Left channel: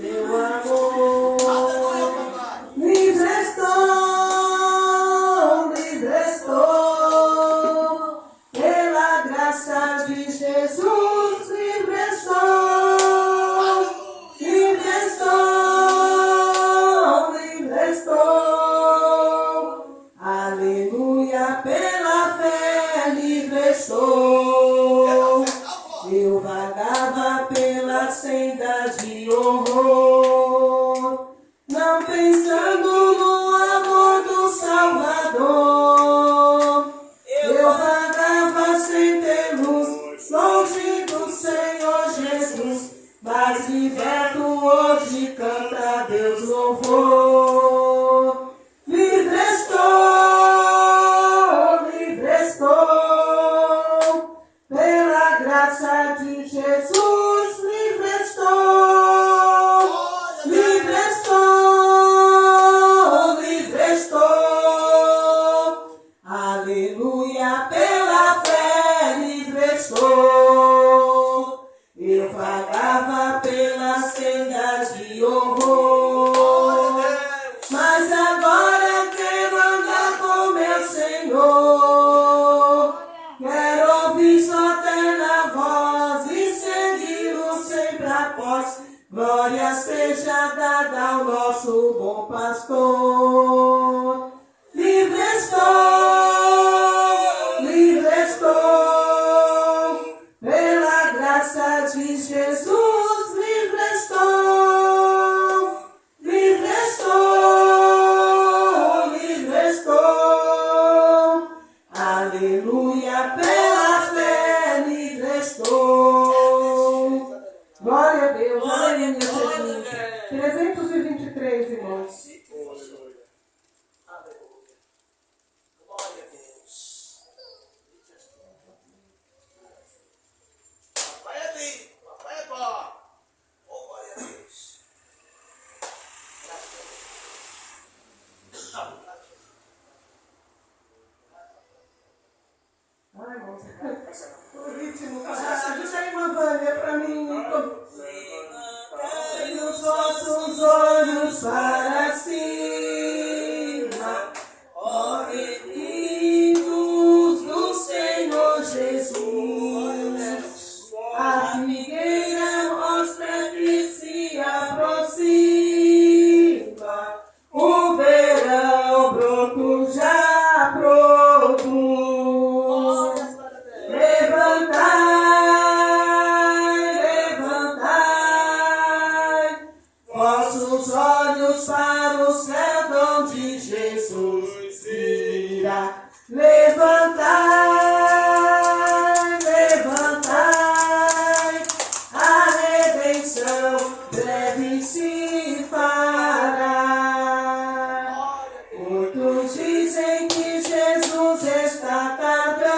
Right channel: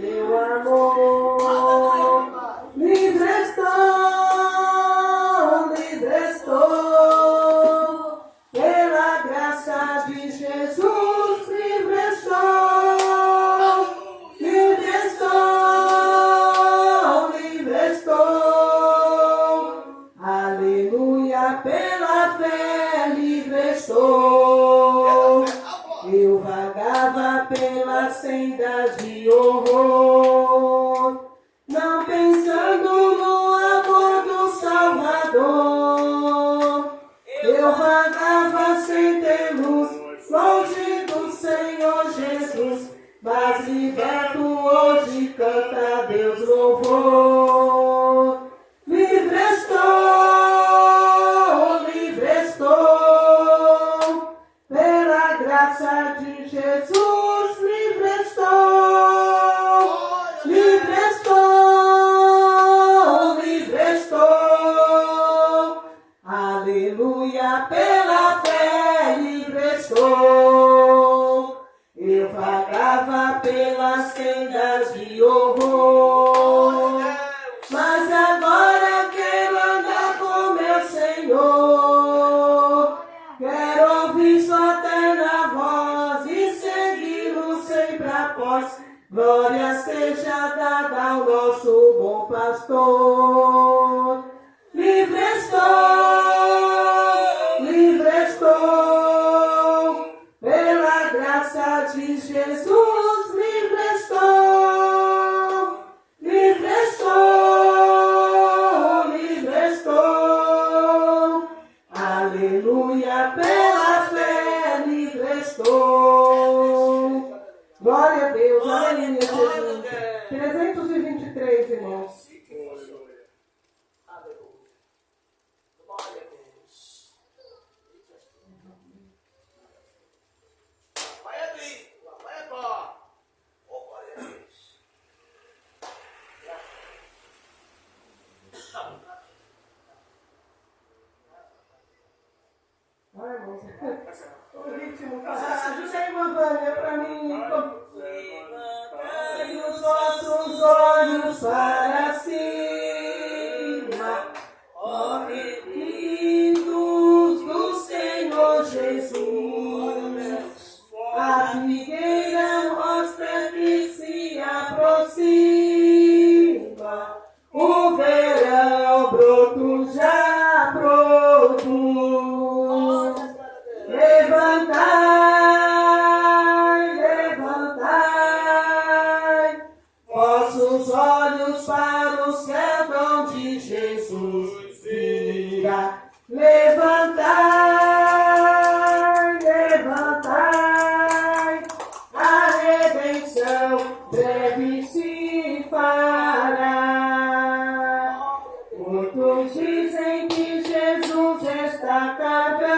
teu amor. Livre estou, pela graça de Jesus, livre estou, livre estou, livre estou, aleluia, pela fé, livre estou. Eu vagava pelas sendas de horror, não pensando no amor do Salvador. Eu vagava sem ter luz, longe do Senhor Jesus, mas liberto hoje canta a Deus louvor. Livre estou, pela graça de Jesus, livre estou, livre estou, livre estou, aleluia, pela fé, livre estou. Eu vagava pelas sendas de horror, mas agora quero andar com meu Senhor. Quero ouvir sua terna voz e segui-lo sempre após. Glória seja dada ao nosso bom pastor. Livre estou, pela graça de Jesus, livre estou, livre estou, livre estou, aleluia, pela fé, livre estou. Glória a Deus, aleluia, Jesus. 323, irmãos. Ai, irmãos, o ritmo tá ajuda aí, Vânia, pra mim. Levantai os vossos olhos para cima, ó redimidos do Senhor Jesus. A figueira mostra que se aproxima, o verão broto já produz. Levantai, levantai vossos olhos para o céu, onde Jesus virá. Levantai, levantai, a redenção breve se fará. Muitos dizem que Jesus está carregando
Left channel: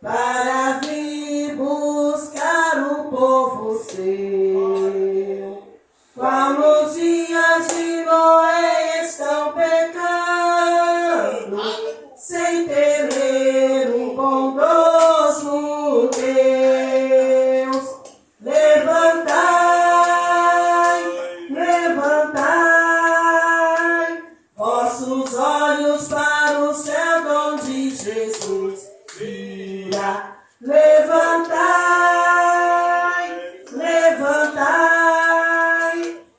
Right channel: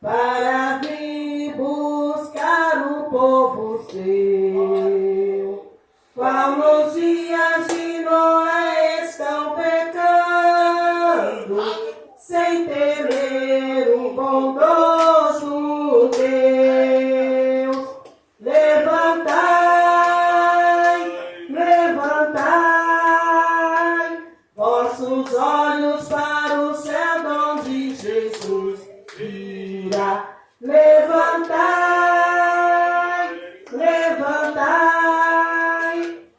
para vir buscar o povo seu. Qual nos dias de Noé estão pecando, sem temer um bondoso Deus. Levantai, levantai vossos olhos para o céu, onde Jesus virá. Levantai, levantai,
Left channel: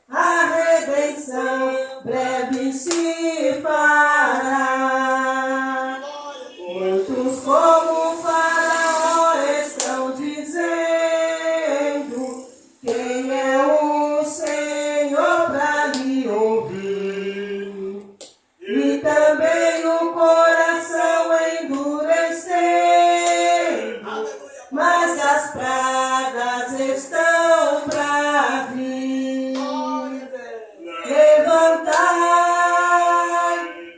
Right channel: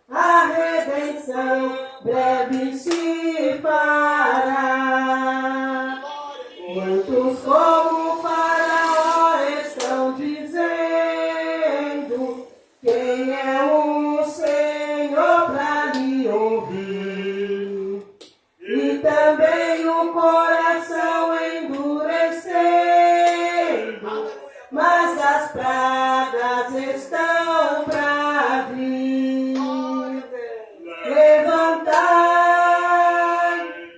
a redenção breve se fará. Muitos como Faraó estão dizendo: quem é o Senhor para lhe ouvir? E também o coração endurecendo, mas as pragas estão para vir. Levantai,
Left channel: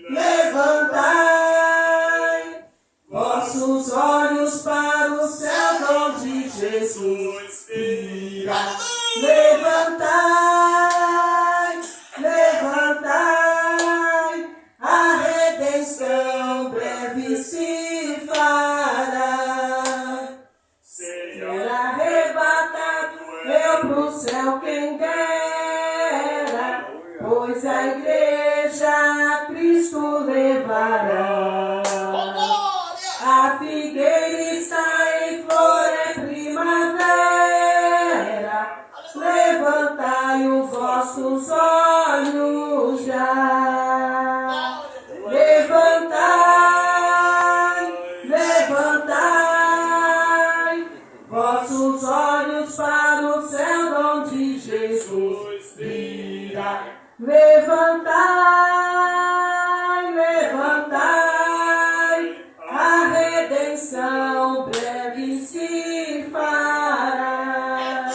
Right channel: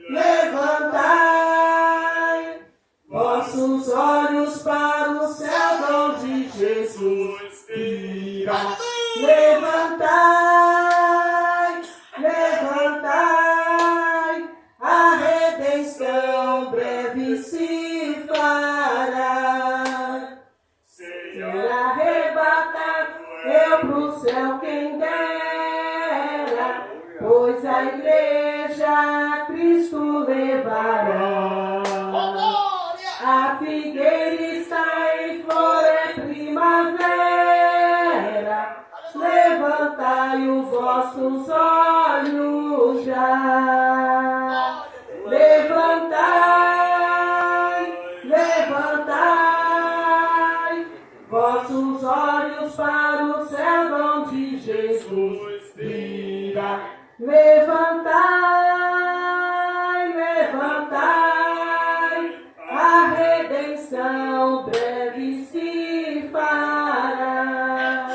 levantai vossos olhos para o céu, onde Jesus virá. Levantai, levantai, a redenção breve se fará. Ser arrebatado eu pro céu quem dera, pois a igreja Cristo levará. A figueira está em flor, é primavera, levantai os vossos olhos já. Levantai, levantai vossos olhos para o céu, onde Jesus virá. Levantai, levantai, a redenção breve se fará.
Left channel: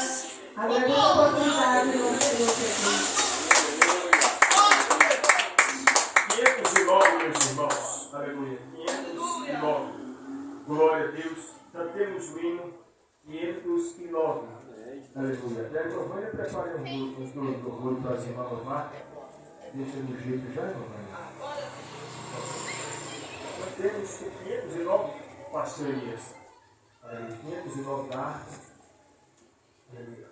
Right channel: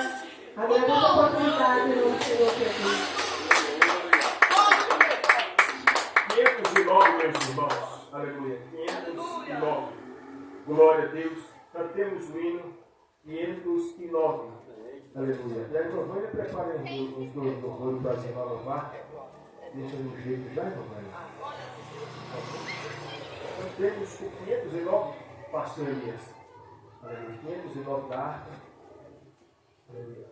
Agradeço a oportunidade no Senhor Jesus. 509, meus irmãos. Aleluia. 509. Glória a Deus. Nós temos o hino 509. Aleluia. E a Giovânia prepara os dois louvores para as irmãs louvar. Deixa no jeito já, Giovânia. Nós temos o 509 parcerias. Aleluia. 509 da harpa. Aleluia.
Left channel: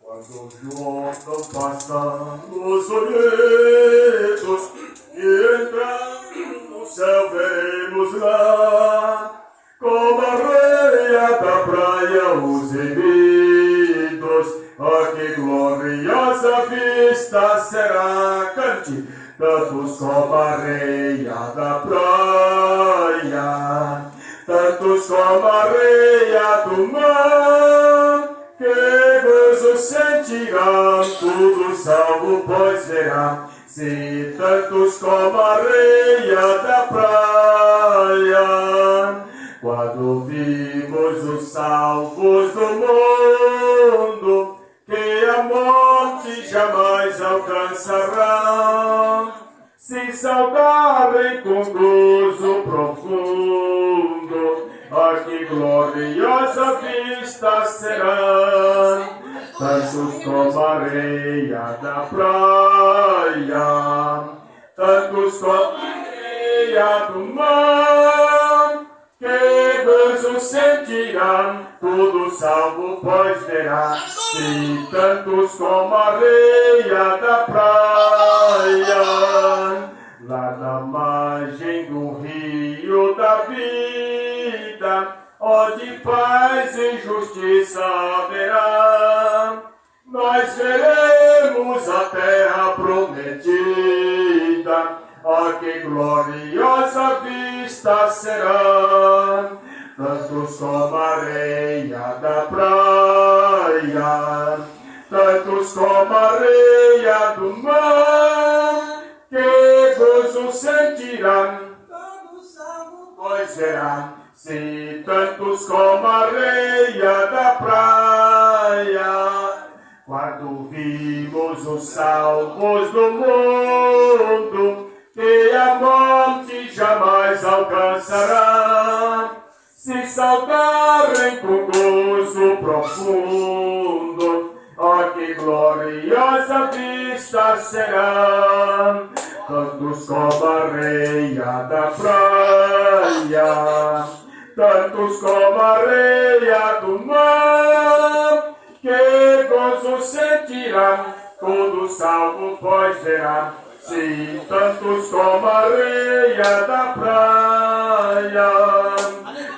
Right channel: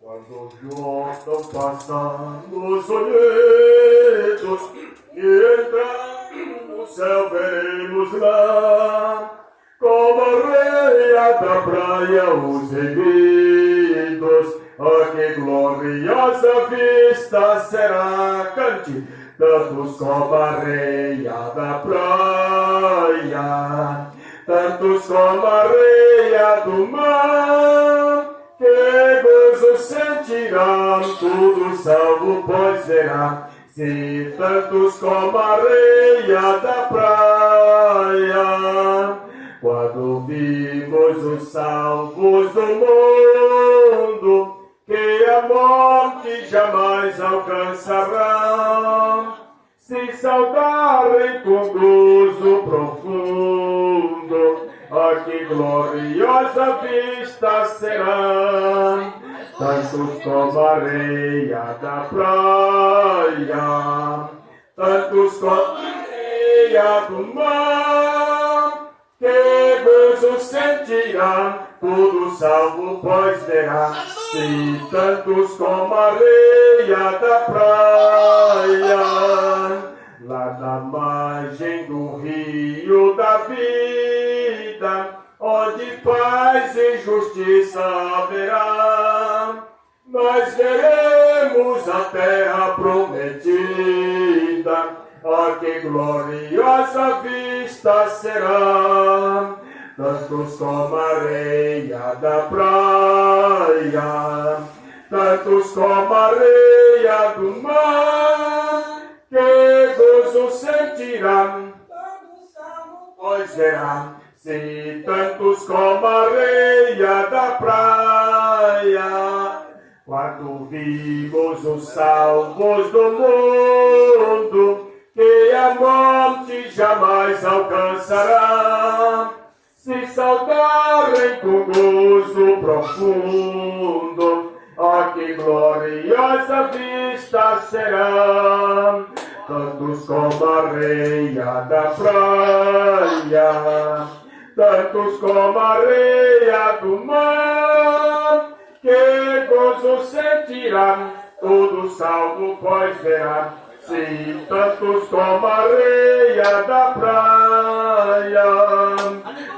Quando juntam passamos olheiros e entrando no céu veremos lá, como a areia da praia os erguidos, oh, que gloriosa vista será, cante, tantos como a areia da praia, tantos como a areia do mar, que gozo sentirá, tudo salvo pois verá, se tantos como a areia da praia. Quando vimos os salvos do mundo, que a morte jamais alcançará, se saudarem com gozo profundo, ah, que gloriosa vista será, tantos como a areia da praia, tantos como a areia do mar, que gozo sentirá, tudo salvo pois verá, se tantos como a areia da praia, lá na margem do rio da vida, onde paz e justiça haverá, nós veremos a terra prometida, oh, que gloriosa vista será, tantos como a areia da praia, tantos como a areia do mar, que gozo sentirá, pois verá, se tantos como a areia da praia. Quando vimos os salvos do mundo, que a morte jamais alcançará, se saudarem com gozo profundo, oh, que gloriosa vista será, tantos como a areia da praia, tantos como a areia do mar, que gozo sentirá, todo salvo pois verá, se tantos como a areia da praia.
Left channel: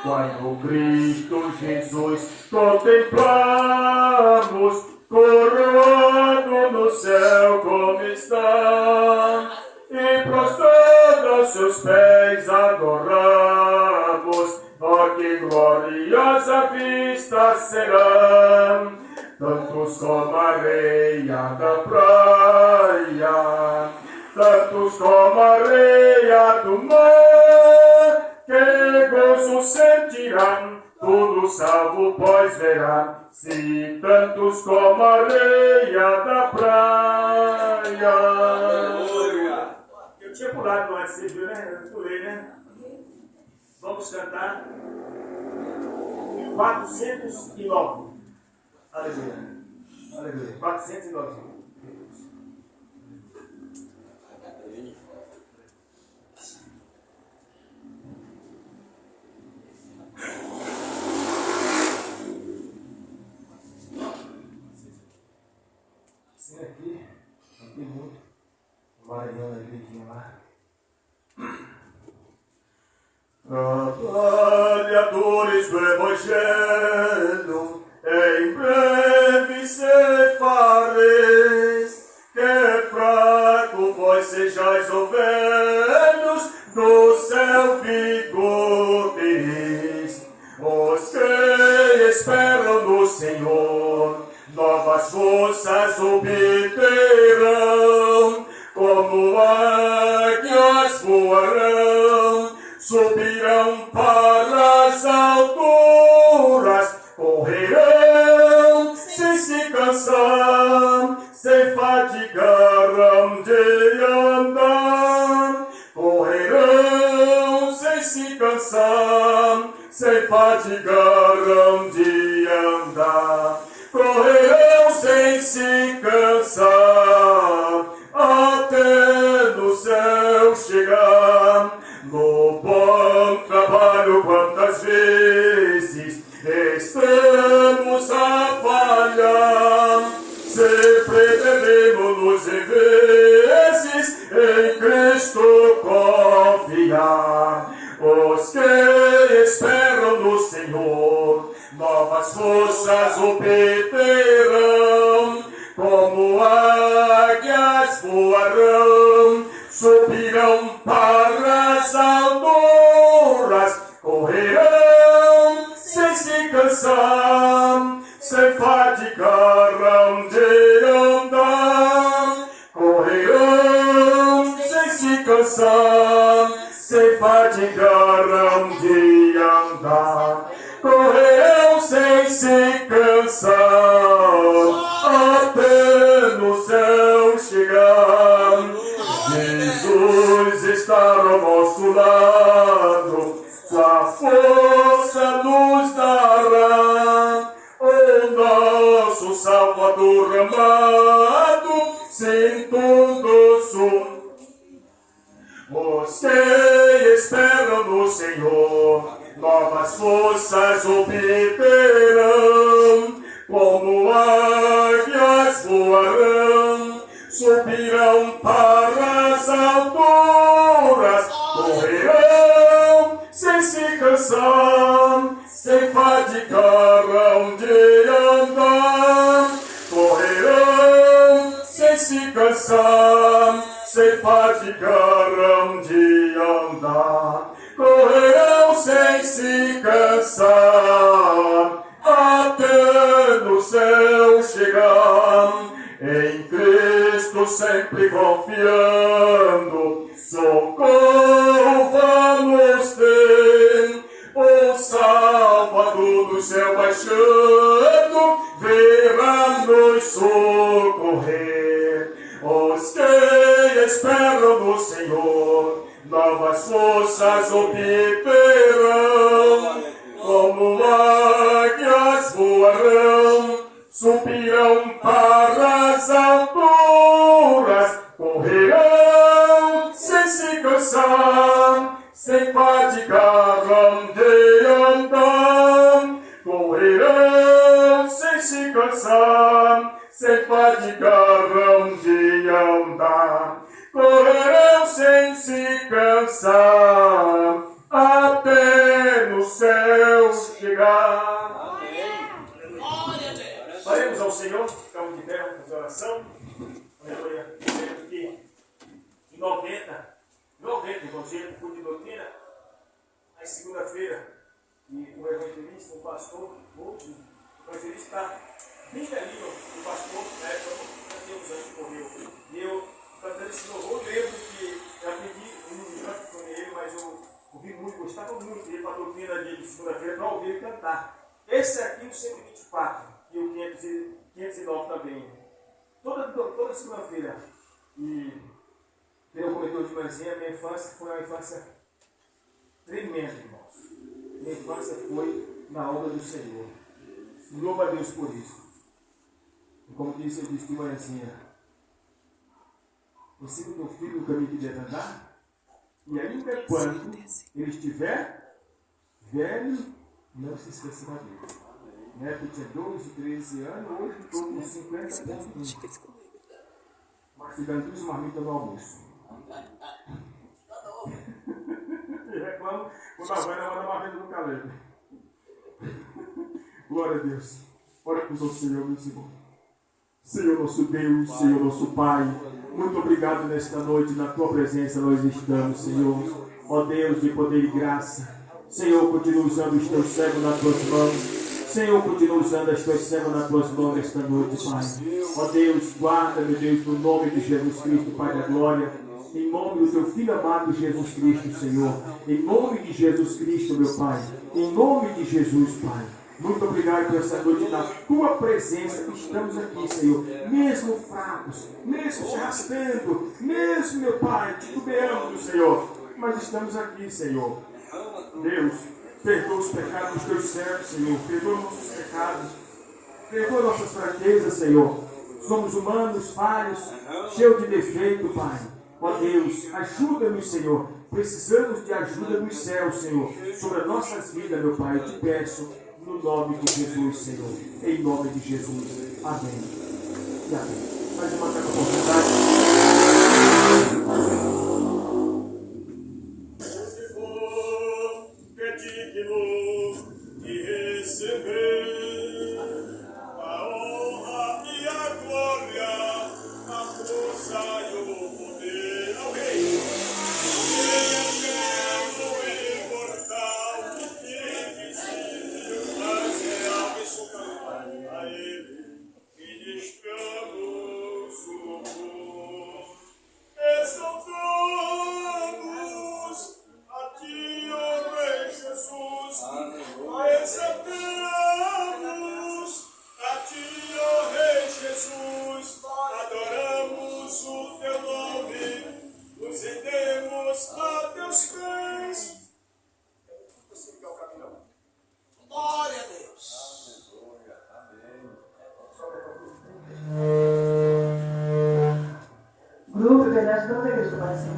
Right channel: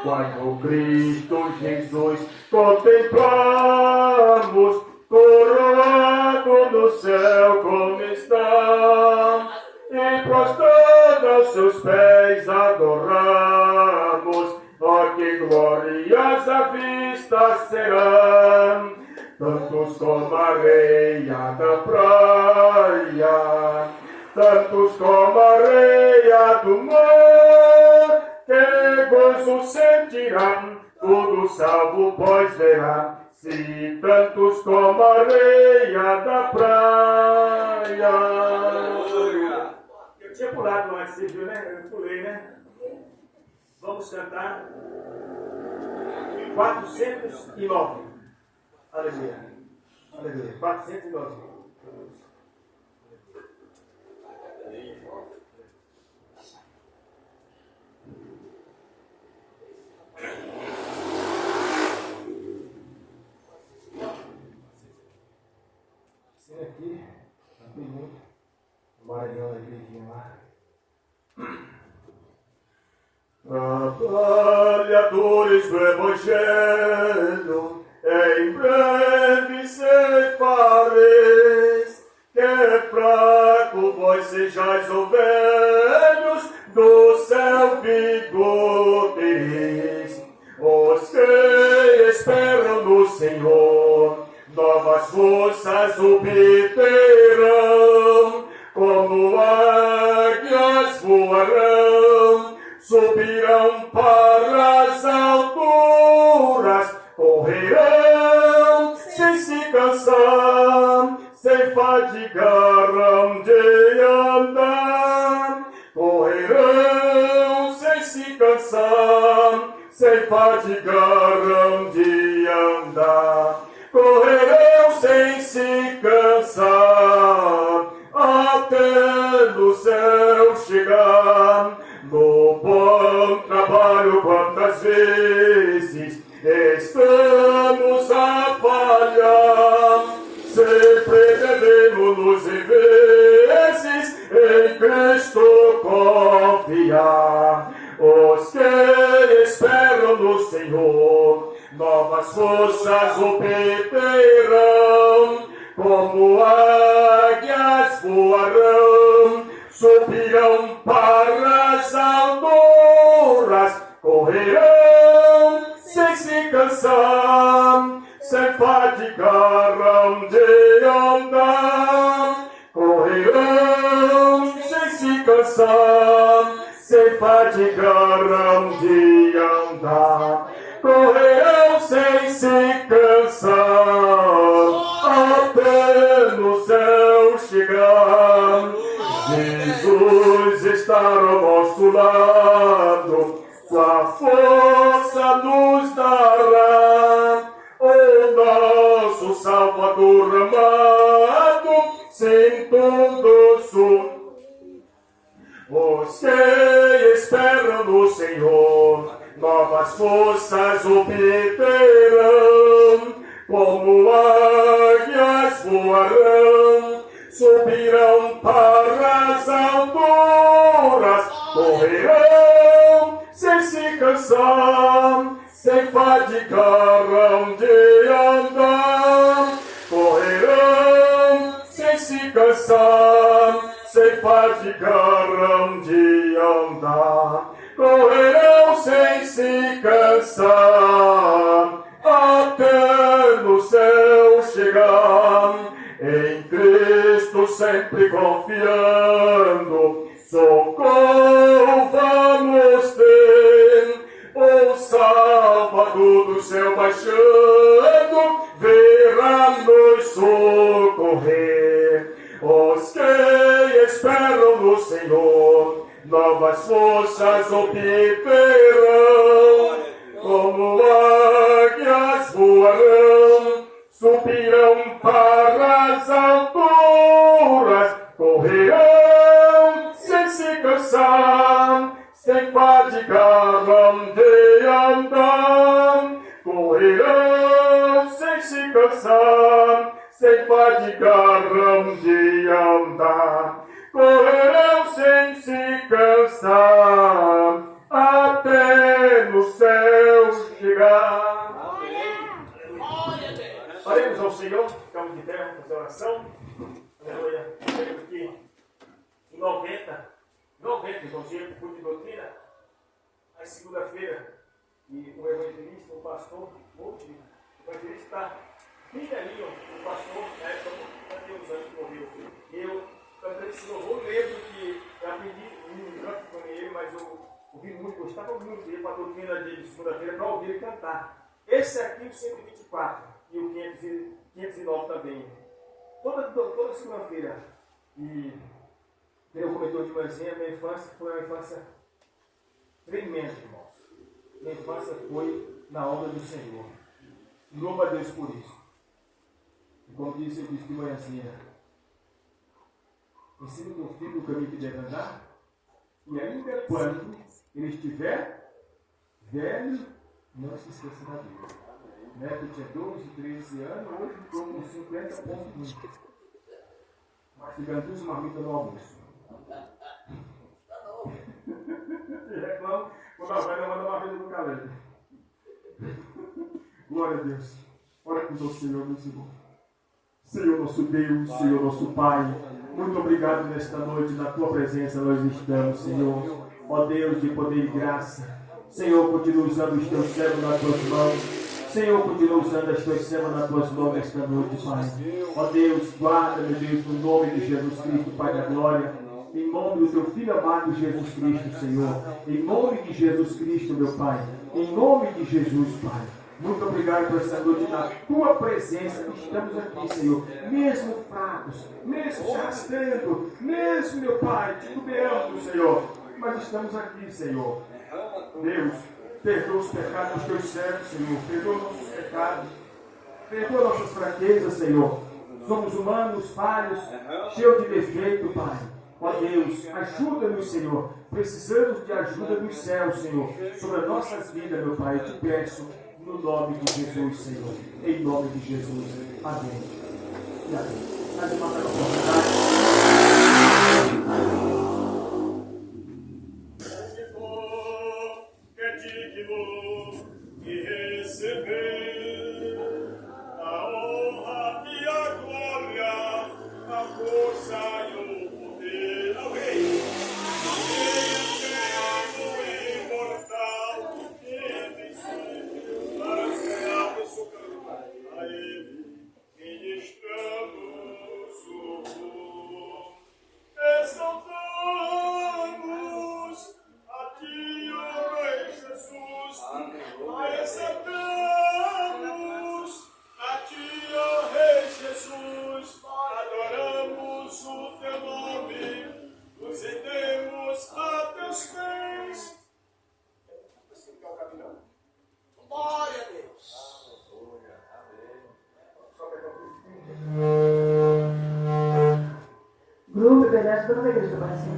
Quando Cristo Jesus contemplamos, coroado no céu como está, e prostrado aos seus pés adoramos, oh, que gloriosa vista será, tantos como a areia da praia, tantos como a areia do mar, que gozo sentirá, tudo salvo pois verá, se tantos como a areia da praia. Eu tinha pulado no antes, você viu, né? Eu pulei, né? Vamos cantar 409. Aleluia. Aleluia. 409. pastores do Evangelho, em breve cefareis, que fraco vós sejais ovelhos, do céu vigor tereis. Os que esperam no Senhor, novas forças obterão, como águias voarão, subirão para as alturas, correrão sem se cansar, sem fadigarão de andar, correrão sem se cansar, sem fadigarão de andar, correrão sem se cansar, até no céu chegar. No bom trabalho, quantas vezes estamos a falhar, sempre devemos nos em vezes em Cristo confiar. Os que esperam no Senhor, novas forças obterão, como águias voarão, subirão para as alturas, correrão sem se cansar, sem fadigarão de andar, correrão sem se cansar, sem fadigarão de andar, correrão sem se cansar, até no céu chegar. Jesus está ao nosso lado, sua força nos dará, o nosso Salvador amado, sem todo sul. Os que esperam no Senhor, novas forças obterão, como águias voarão, subirão para as alturas, correrão sem se cansar, sem fadigarão de andar, correrão sem se cansar, sem fadigarão de andar, correrão sem se cansar, até no céu chegar. Em Cristo sempre confiando, socorro vamos ter, o Salvador do céu baixando, virá nos socorrer. Os que esperam no Senhor, novas forças obterão, como águias voarão, subirão para as alturas, correrão sem se cansar, sem fadigarão de andar, correrão sem se cansar, sem fadigarão de andar, correrão sem se cansar, até no céu chegar. Oremos ao Senhor, ficamos de pé, vamos fazer oração. Aleluia. Lembro que em 90, inclusive, o culto de doutrina, na segunda-feira, e o evangelista, o pastor, hoje, o evangelista está bem ali, ó, o pastor, na época, há uns anos que morreu. E eu, cantando esse louvor, lembro que eu aprendi um canto com ele, mas eu ouvi muito, gostava muito dele para a doutrina de segunda-feira, para ouvir ele cantar. Esse aqui, o 124. E o 509 também. Toda segunda-feira. E eu comentou de manhã, minha infância foi uma infância tremenda, irmãos. Minha infância foi na obra do Senhor. E louvo a Deus por isso. E como disse, eu disse de manhãzinha, ensina o teu filho o caminho que deve andar, e ainda quando ele estiver velho, não se esqueça da Bíblia. Né, que tinha 12, 13 anos, hoje estou com 50,1. Mas ficando duas marmitas no almoço. E reclamo, quando a velha manda marmita no calendo. Glória a Deus. Oremos ao Senhor, meus irmãos. Senhor nosso Deus, Senhor nosso Pai, muito obrigado nesta noite, na Tua presença nós estamos, Senhor. Ó Deus de poder e graça, Senhor, continua usando os Teus servos nas Tuas mãos. Senhor, continua usando as Tuas servas nas Tuas mãos nesta noite, Pai. Ó Deus, guarda, meu Deus, no nome de Jesus Cristo, Pai da glória. Em nome do Teu Filho amado Jesus Cristo, Senhor. Em nome de Jesus Cristo, meu Pai. Em nome de Jesus, Pai. Muito obrigado por essa noite na Tua presença. Estamos aqui, Senhor, mesmo fracos, mesmo se arrastando, mesmo, meu Pai, titubeando, Senhor. Mas estamos aqui, Senhor. Deus, perdoa os pecados dos Teus servos, Senhor. Perdoa nossos pecados. Perdoa nossas fraquezas, Senhor. Somos humanos, falhos, cheios de defeito, Pai. Ó Deus, ajuda-nos, Senhor. Precisamos de ajuda dos céus, Senhor, sobre as nossas vidas, meu Pai. Eu te peço, no nome de Jesus, Senhor. Em nome de Jesus. Amém. E amém. Mais uma oportunidade. Se for que é digno de receber a honra e a glória, a força e o poder ao Rei, eterno e imortal, invisível, mas real e supremo, a Ele ministramos o louvor. Exaltamos a Ti, ó Rei Jesus. Exaltamos a Ti, ó Rei Jesus. Adoramos o Teu nome. Nos rendemos a Teus pés. Assim que é o caminhão. Glória a Deus. Grupo Internet da Igreja Aparecida.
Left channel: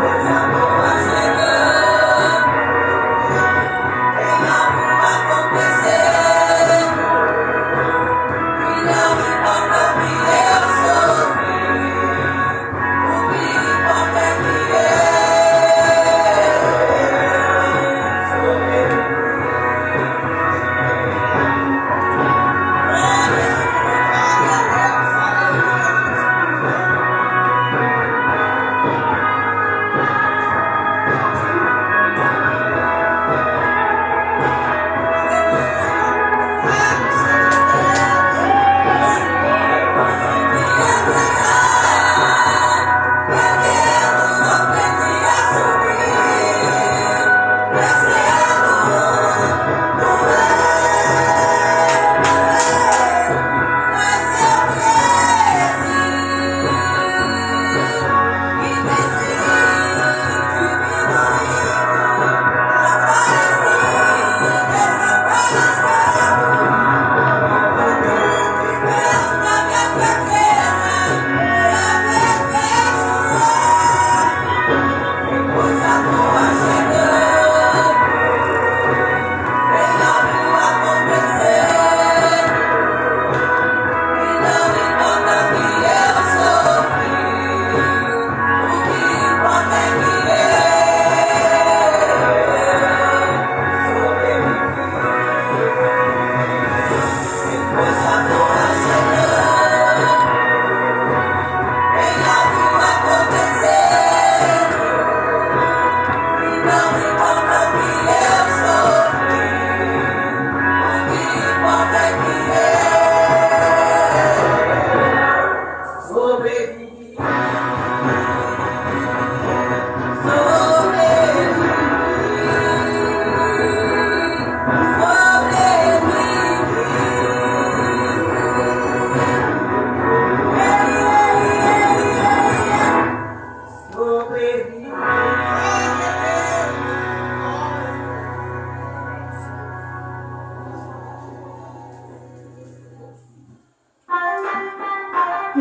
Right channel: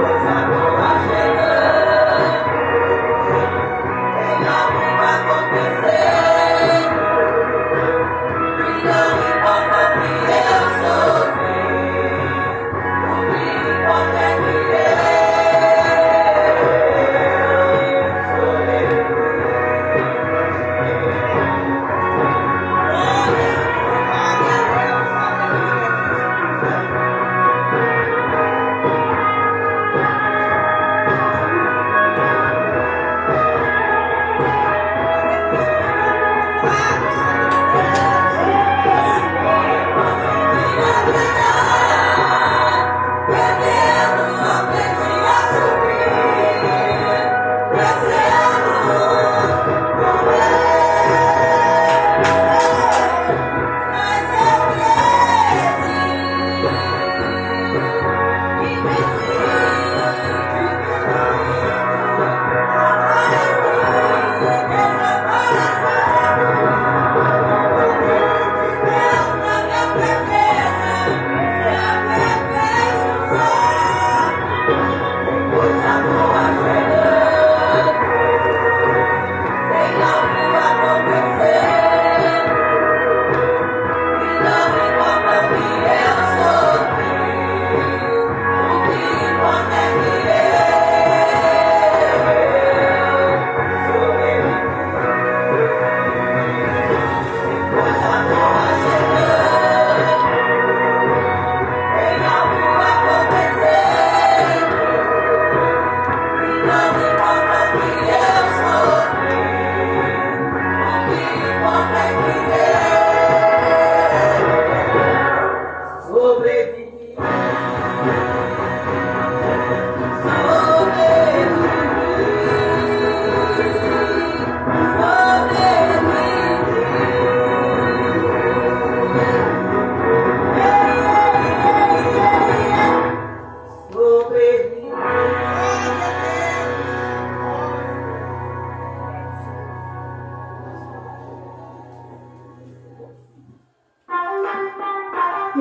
Coisa boa.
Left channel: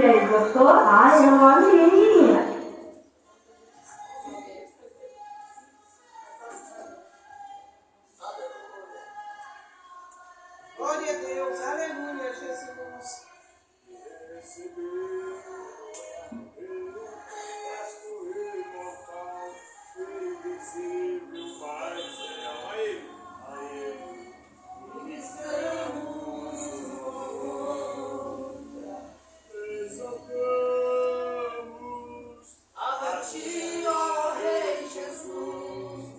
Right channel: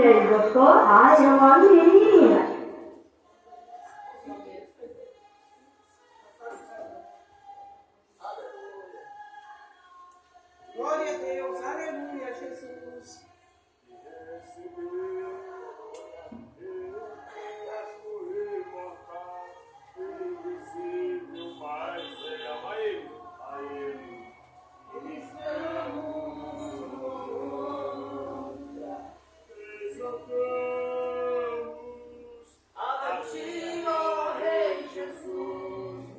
aí, gostou? Ai, eu gosto de menina. Glória a Deus, aleluia, Jesus. A ti, ó Rei Jesus.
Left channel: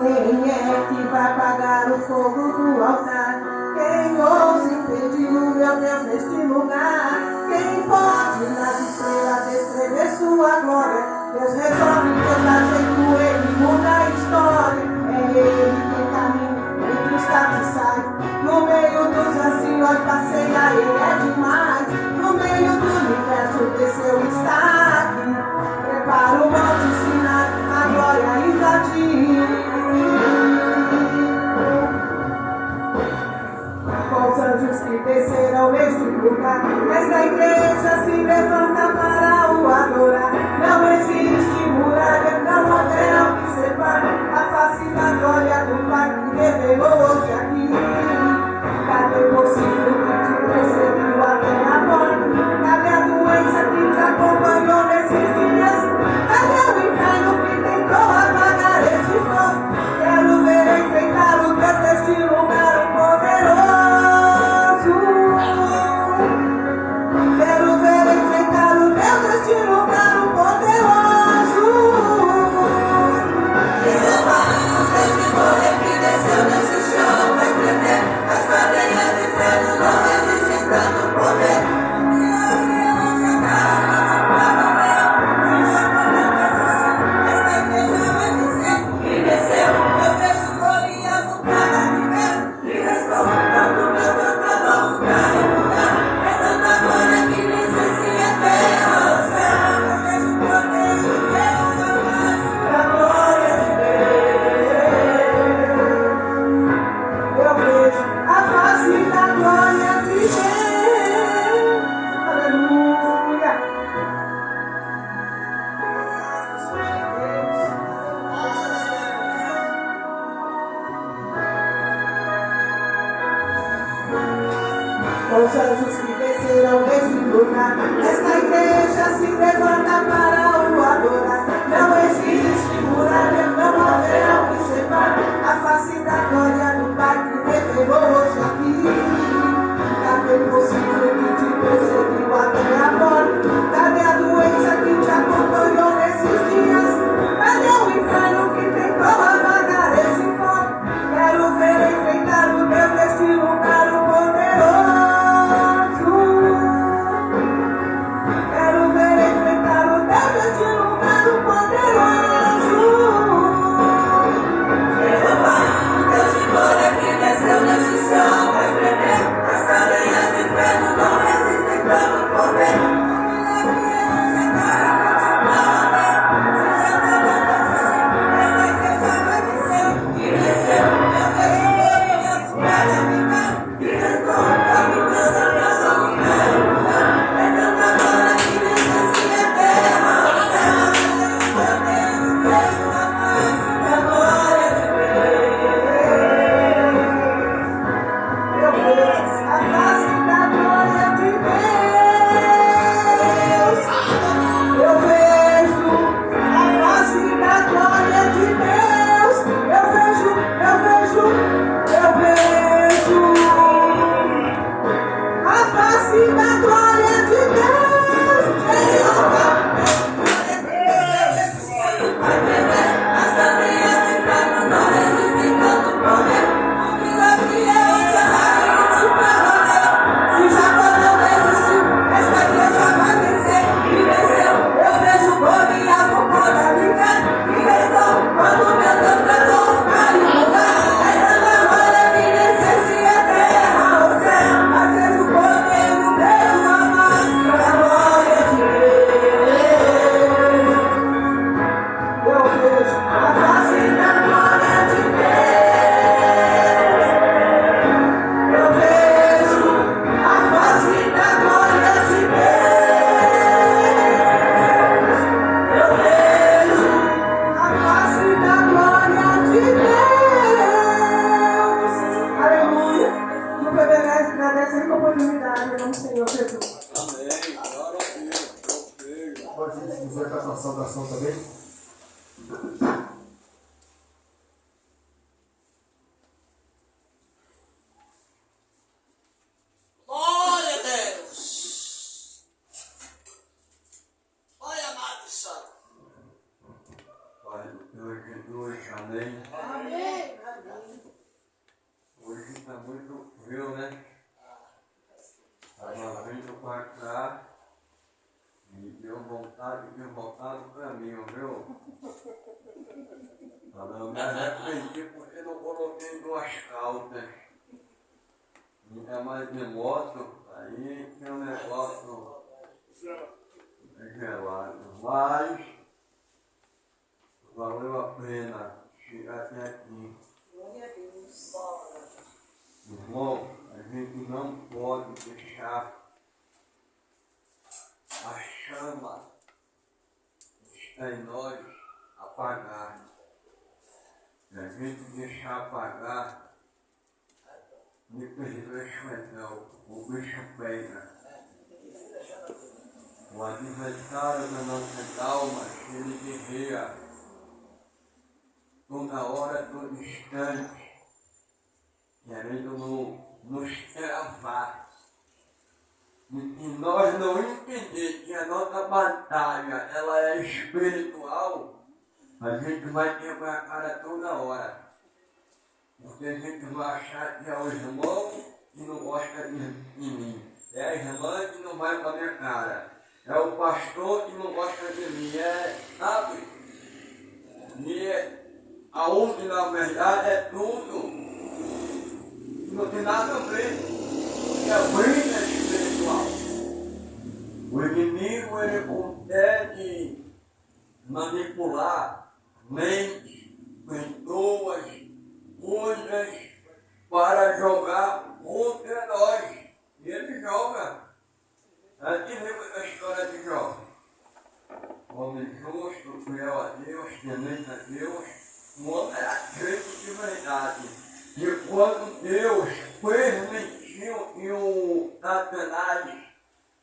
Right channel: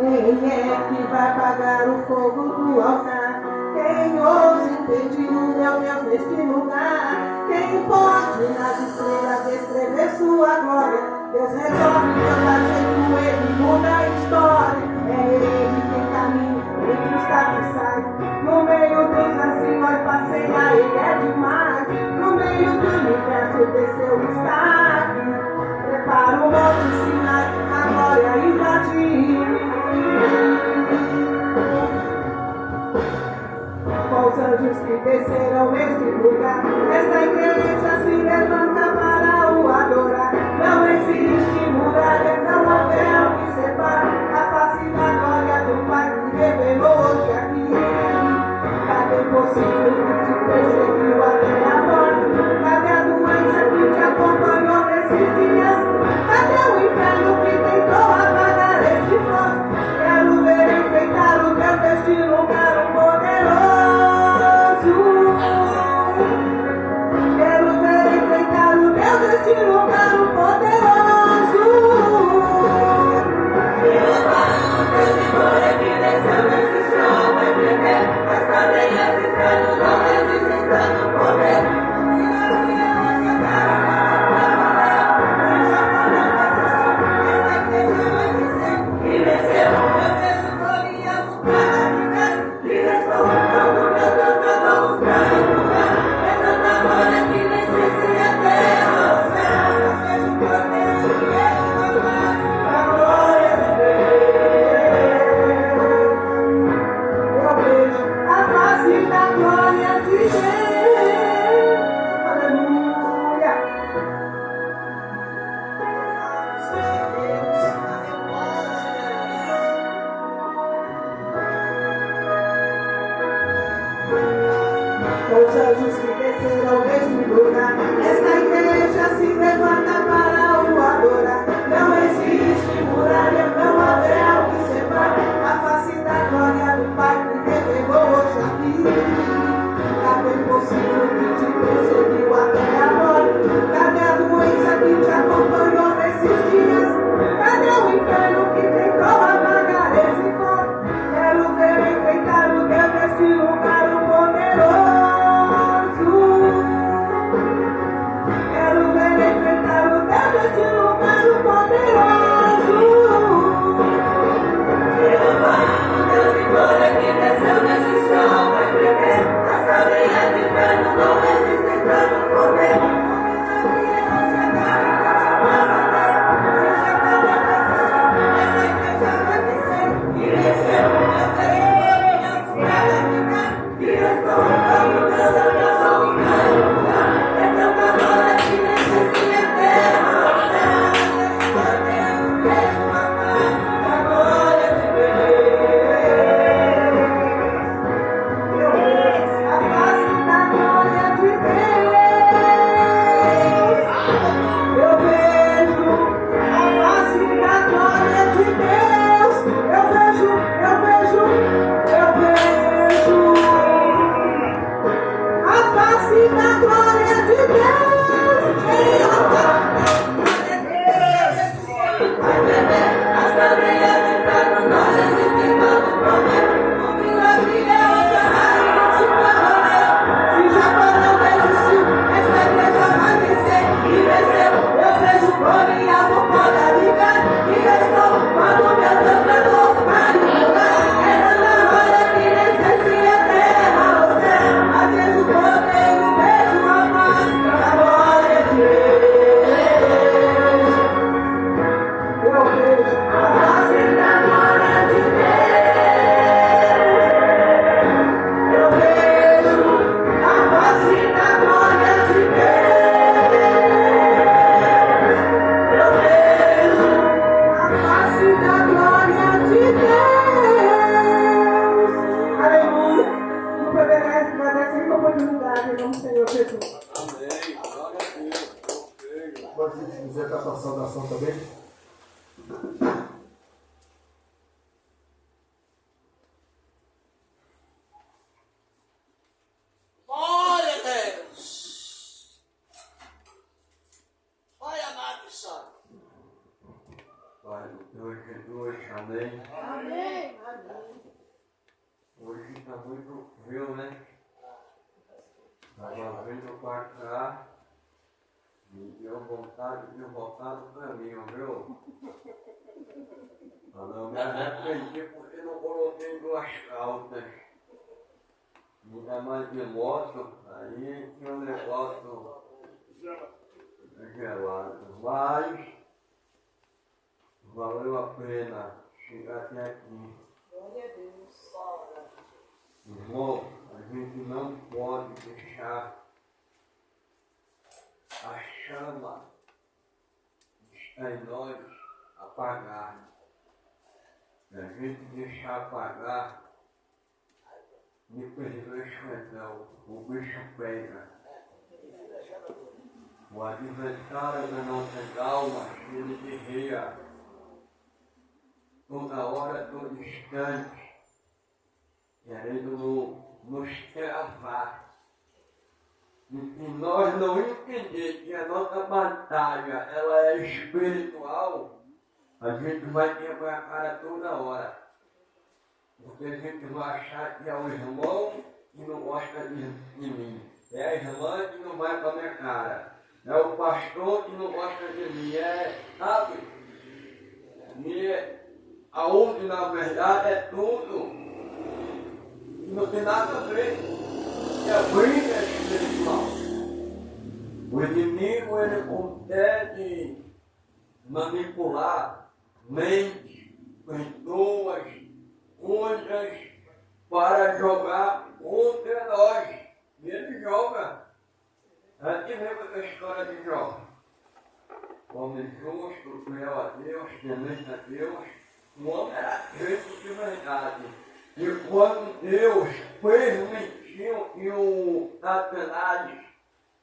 Quem é que vai apagar o fogo do altar? Quem ousa impedir o meu Deus neste lugar? Quem pode nas estrelas descrever sua glória? Deus resolve, Deus dá jeito, Ele muda a história. É Ele quem caminha entre os castiçais. No meio dos anciões passeia, Ele é demais. No meio do universo desceu, está aqui. Prepara o monte Sinai, a glória invadir. Com os anjos que desceram neste lugar, esta igreja se levanta para o adorar. Não existe muralha, não haverá o que separe a face da glória do Pai que revelou hoje aqui. Cadê possível que te perseguiu até a morte? Cadê a doença que te acompanhou nesses dias? Cadê o inferno que tentou apagar este fogo? Quero ver enfrentar o Deus deste lugar, o poderoso. Quero ver enfrentar o Deus deste lugar, o poderoso. Jeová, o Deus de glória que desceu nesse chão, vai tremer. As cadeias do inferno não resistem tanto poder. Os anjos que desceram neste lugar, esta igreja se levanta para o adorar. Não existe muralha, não haverá o que separe a face da glória do Pai que revelou hoje aqui. Cadê o possível que te perseguiu até a morte? Cadê a doença que te acompanhou nesses dias? Cadê o inferno que tentou apagar esse fogo? Quero ver enfrentar o Deus deste lugar, o poderoso. Quero ver enfrentar o saudação também. Glória a Deus. Olha a maldição. Pai do Senhor Jesus, amém. Amém. Amém. Hoje está muito frio, né? Estava vindo para cá e deu vontade de voltar no caminho, viu? Eu me arrependi porque não coloquei duas calças. Ainda mais de moto, aí tinha um negócio gelado. Mas valeu a pena chegar até aqui. Glória a Deus. Irmão, a gente não pode deixar a chama que está em nós apagar. Se a gente deixar apagar, depois do esquentão, o bicho pega. O adversário da nossa alma, ele guerreia toda hora, todo instante, querendo nos travar. E nós não entender que a nossa batalha ela é espiritual, a gente vai quebrar a cara toda hora. Porque a gente vai achar que é o irmão que não gosta de mim. É a irmã que não vai com a minha cara. É o pastor que não gosta de mim. Sabe? E aonde na verdade é tudo. E não tem nada a ver. Porque a briga é espiritual. O inimigo ele consegue manipular mentes, pessoas, coisas para jogar contra nós. E ele joga. A gente lembra da história de Jó. Homem justo, fiel a Deus, temente a Deus. Um homem era crente de verdade. E quando Deus permitiu que o Satanás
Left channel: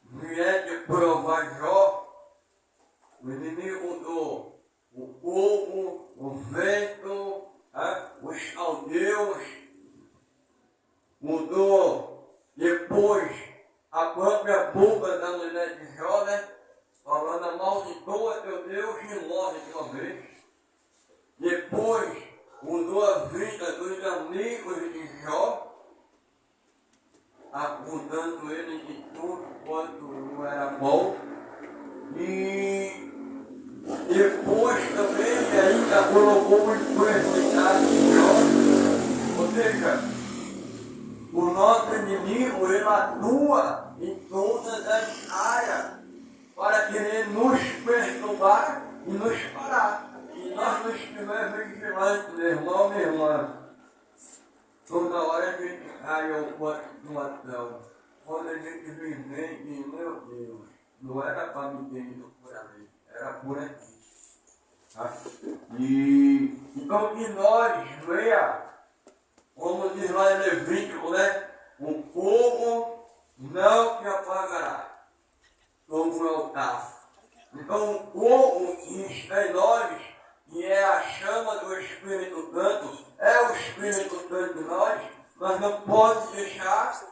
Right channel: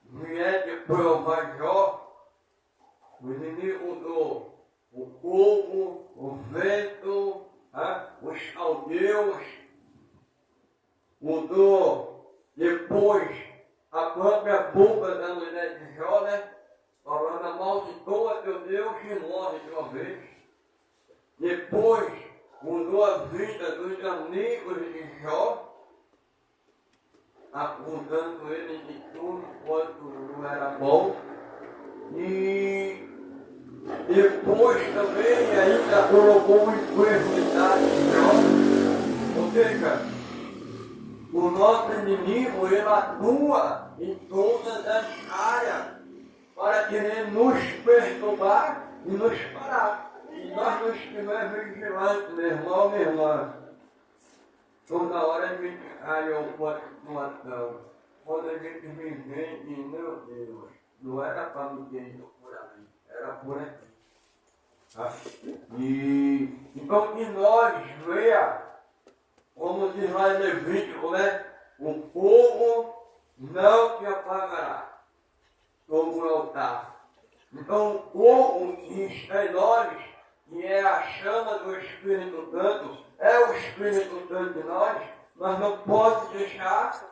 viesse provar Jó, o inimigo mudou o fogo, o vento, os caldeus, mudou depois a própria boca da mulher de Jó, né? Falando amaldiçoa teu Deus e morre de uma vez. Depois mudou a vida dos amigos de Jó, acusando ele de tudo quanto não era bom. E depois também ele ainda colocou enfermidade em Jó. Ou seja, o nosso inimigo ele atua em todas as áreas para querer nos perturbar e nos parar. E nós não estivermos vigilantes, meu irmão, minha irmã. Toda hora a gente cai em uma situação. Quando a gente vive e, meu Deus, não era para ninguém por ali, era por aqui. E então que nós veja, como diz lá em Levítico, né? O fogo não te apagará sobre o altar. Então o fogo que está em nós, que é a chama do Espírito Santo, é o Espírito Santo em nós não podemos deixar,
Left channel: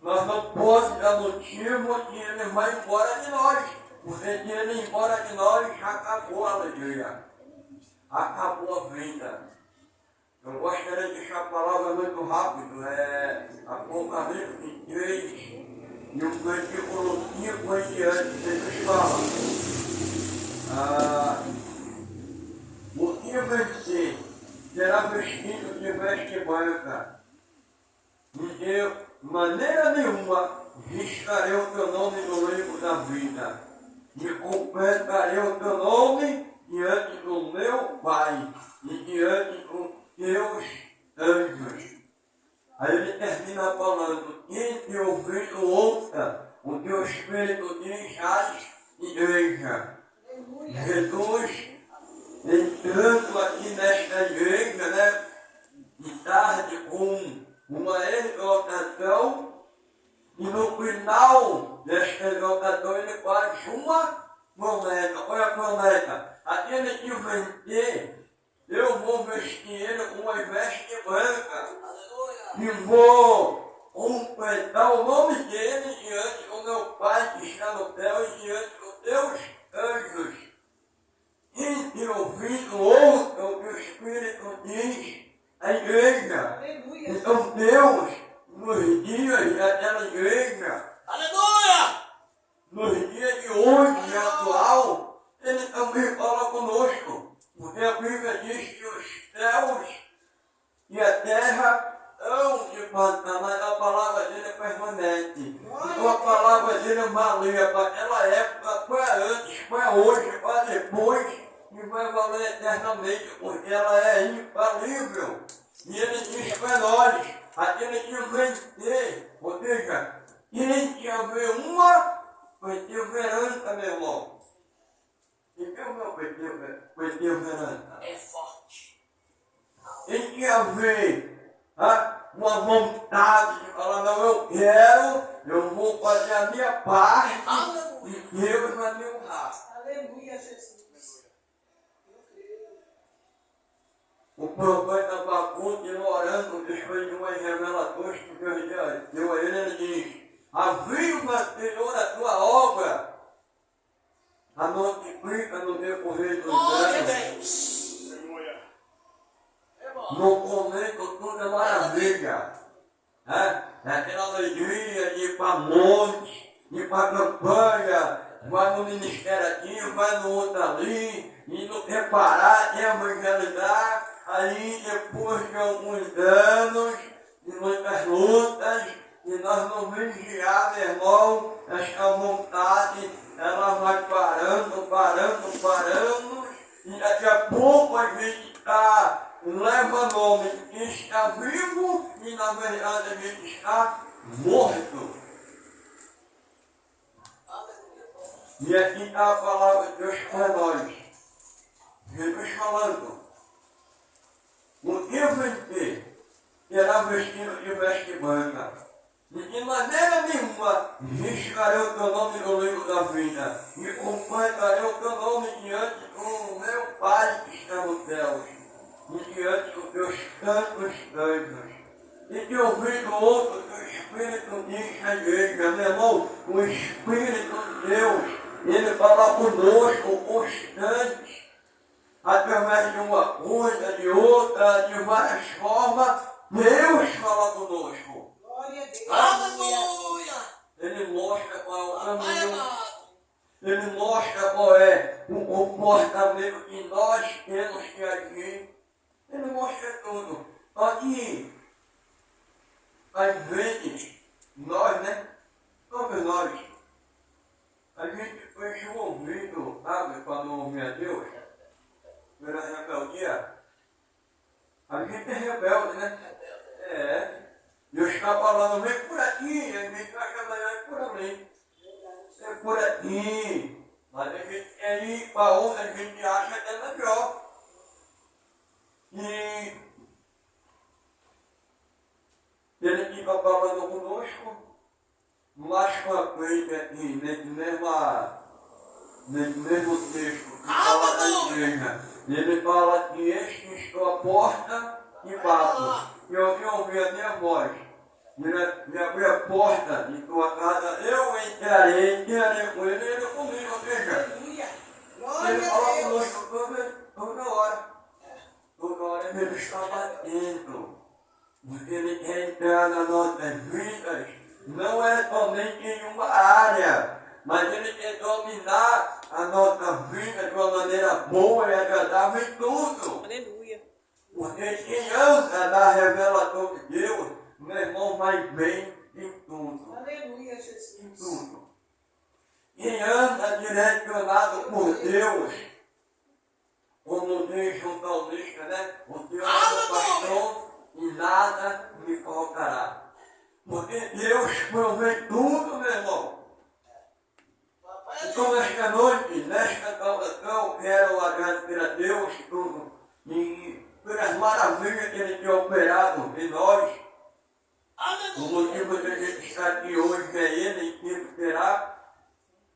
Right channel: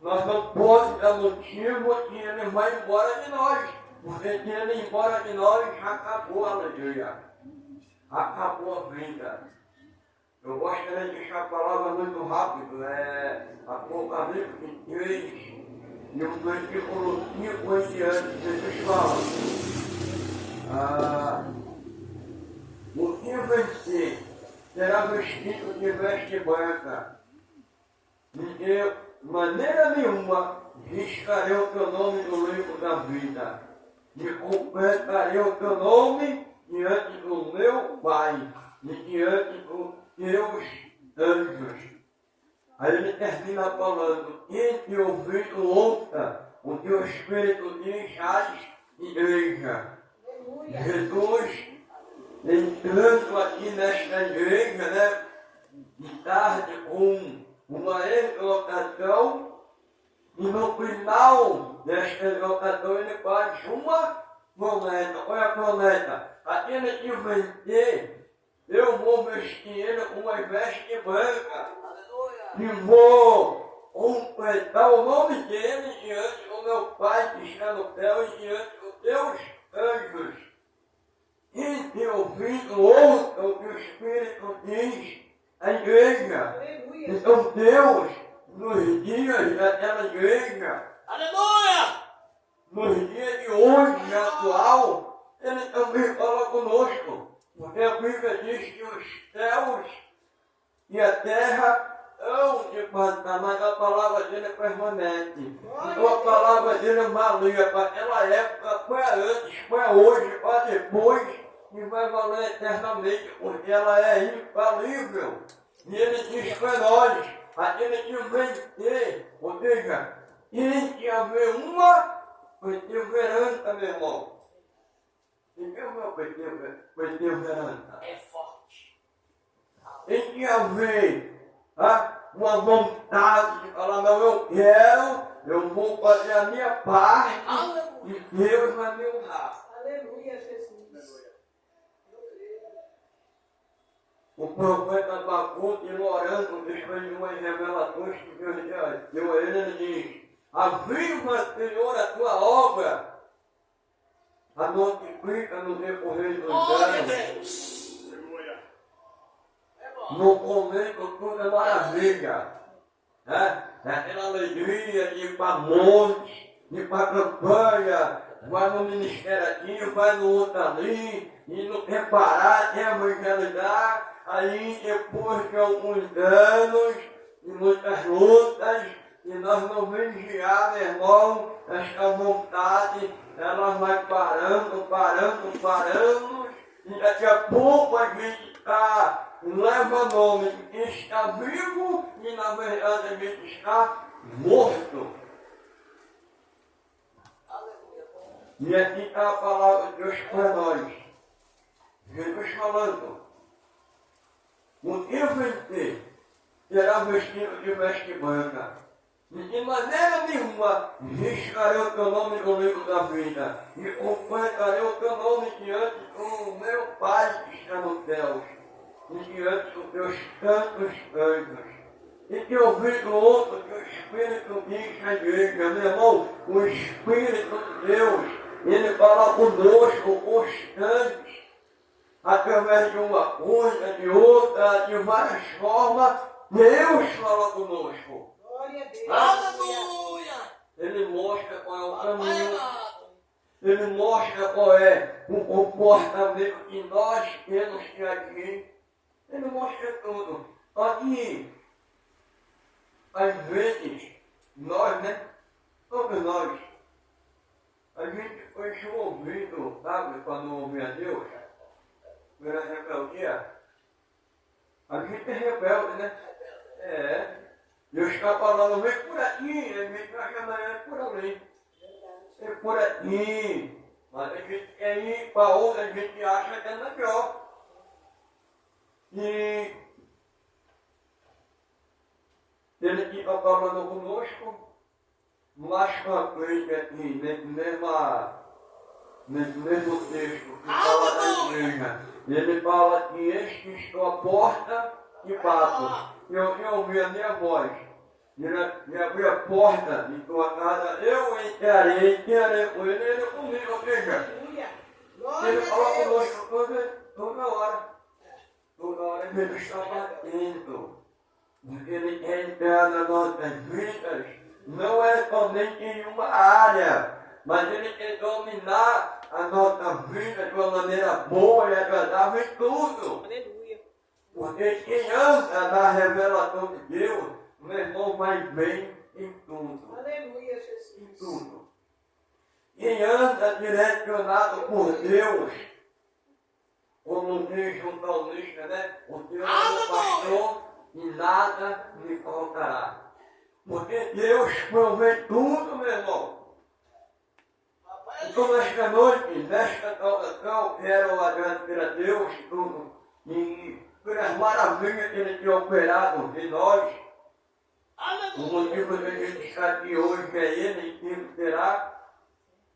nós não podemos dar motivo que ele vai embora de nós. Porque se ele ir embora de nós, acabou a alegria, acabou a vida. Eu gostaria de deixar a palavra muito rápido, Apocalipse 23, e o versículo 5 em diante, Jesus fala. O que vencer será vestido de veste branca, e de maneira nenhuma riscarei o teu nome no livro da vida, e confessarei o teu nome diante do meu Pai e diante dos teus anjos. Aí ele termina falando: quem te ouvir ouça o teu Espírito diz às igrejas. Jesus entrando aqui nesta igreja, né, de tarde com uma exortação, e no final desta exortação ele faz uma promessa, olha a promessa. Aquele que vencer, eu vou vestir ele com uma veste branca. E vou completar o nome dele diante do meu Pai que está no céu e diante dos teus anjos. E que o Filho ouça o que o Espírito diz à igreja. Então Deus, nos dias daquela igreja, Aleluia! nos dias de hoje, atual, Ele também fala conosco. Porque a Bíblia diz que os céus e a terra hão de passar, mas a palavra dele permanece. Então a palavra dele valia para aquela época, para antes, para hoje, para depois, e vai valer eternamente, porque ela é infalível. E ele diz para nós, aquele que vencer, ou seja, quem que haver uma, perseverança, meu irmão. E que é o meu perseverança? É forte. Tem que haver uma vontade de falar, não, eu quero, eu vou fazer a minha parte e Deus vai me honrar. Aleluia, Jesus. O profeta Abacu, orando, depois de umas revelações que Deus deu a ele, ele diz, aviva, Senhor, a tua obra, a multiplica no decorrer dos Glória a anos. Deus. Aleluia. É bom. No começo tudo é maravilha. Aquela alegria de ir para monte, de ir para campanha, vai no ministério aqui, vai no outro ali, e não preparar, evangelizar. Aí depois de alguns anos, de muitas lutas, e nós não vigiar, meu irmão, essa vontade, ela vai parando, e daqui a pouco a gente leva nome de quem está vivo e na verdade a gente está morto. E aqui está a palavra de Deus para nós. Jesus falando, o que vencer será vestido de veste branca. E de maneira nenhuma riscarei o teu nome no livro da vida e completarei o teu nome diante do meu Pai que está nos céus e diante dos teus santos anjos. E que eu vi do outro que o Espírito diz à igreja, meu irmão, o Espírito de Deus, ele fala conosco constante, através de uma coisa, de outra, de várias formas, Deus fala conosco. Glória a Deus. Aleluia. Ele mostra qual é o caminho, ele mostra qual é o comportamento que nós temos que agir, ele mostra tudo. Aqui, às vezes, nós, todos nós, a gente fecha o ouvido, sabe, para não ouvir a Deus, pela rebeldia. A gente é rebelde, Deus está falando, vem por aqui, a gente acha amanhã é por ali. É por aqui. Mas a gente quer ir para onde a gente acha que é melhor. E ele fica falando conosco, mais para frente aqui, nesse mesmo texto que fala da igreja. Ele fala que este estou à porta e bato. Eu ouvi a minha voz. Me abri a porta de tua casa, eu entrarei com ele, ele comigo. Ou seja, Aleluia. Glória ele fala a Deus. conosco toda hora. Toda hora ele está batendo. Porque ele quer entrar nas nossas vidas. Não é somente em uma área, mas ele quer dominar a nossa vida de uma maneira boa e agradável em tudo. Aleluia. Porque quem anda na revelação de Deus, meu irmão, vai bem em tudo. Aleluia, Em Jesus. tudo. Quem anda direcionado por Deus, como diz o salmista, o Deus é meu pastor e nada me faltará. Porque Deus provê tudo, meu irmão. Então, nesta noite, nesta salvação, quero agradecer a Deus tudo e pelas maravilhas que Ele tem operado em nós. O motivo de a gente estar aqui hoje é Ele, e que será.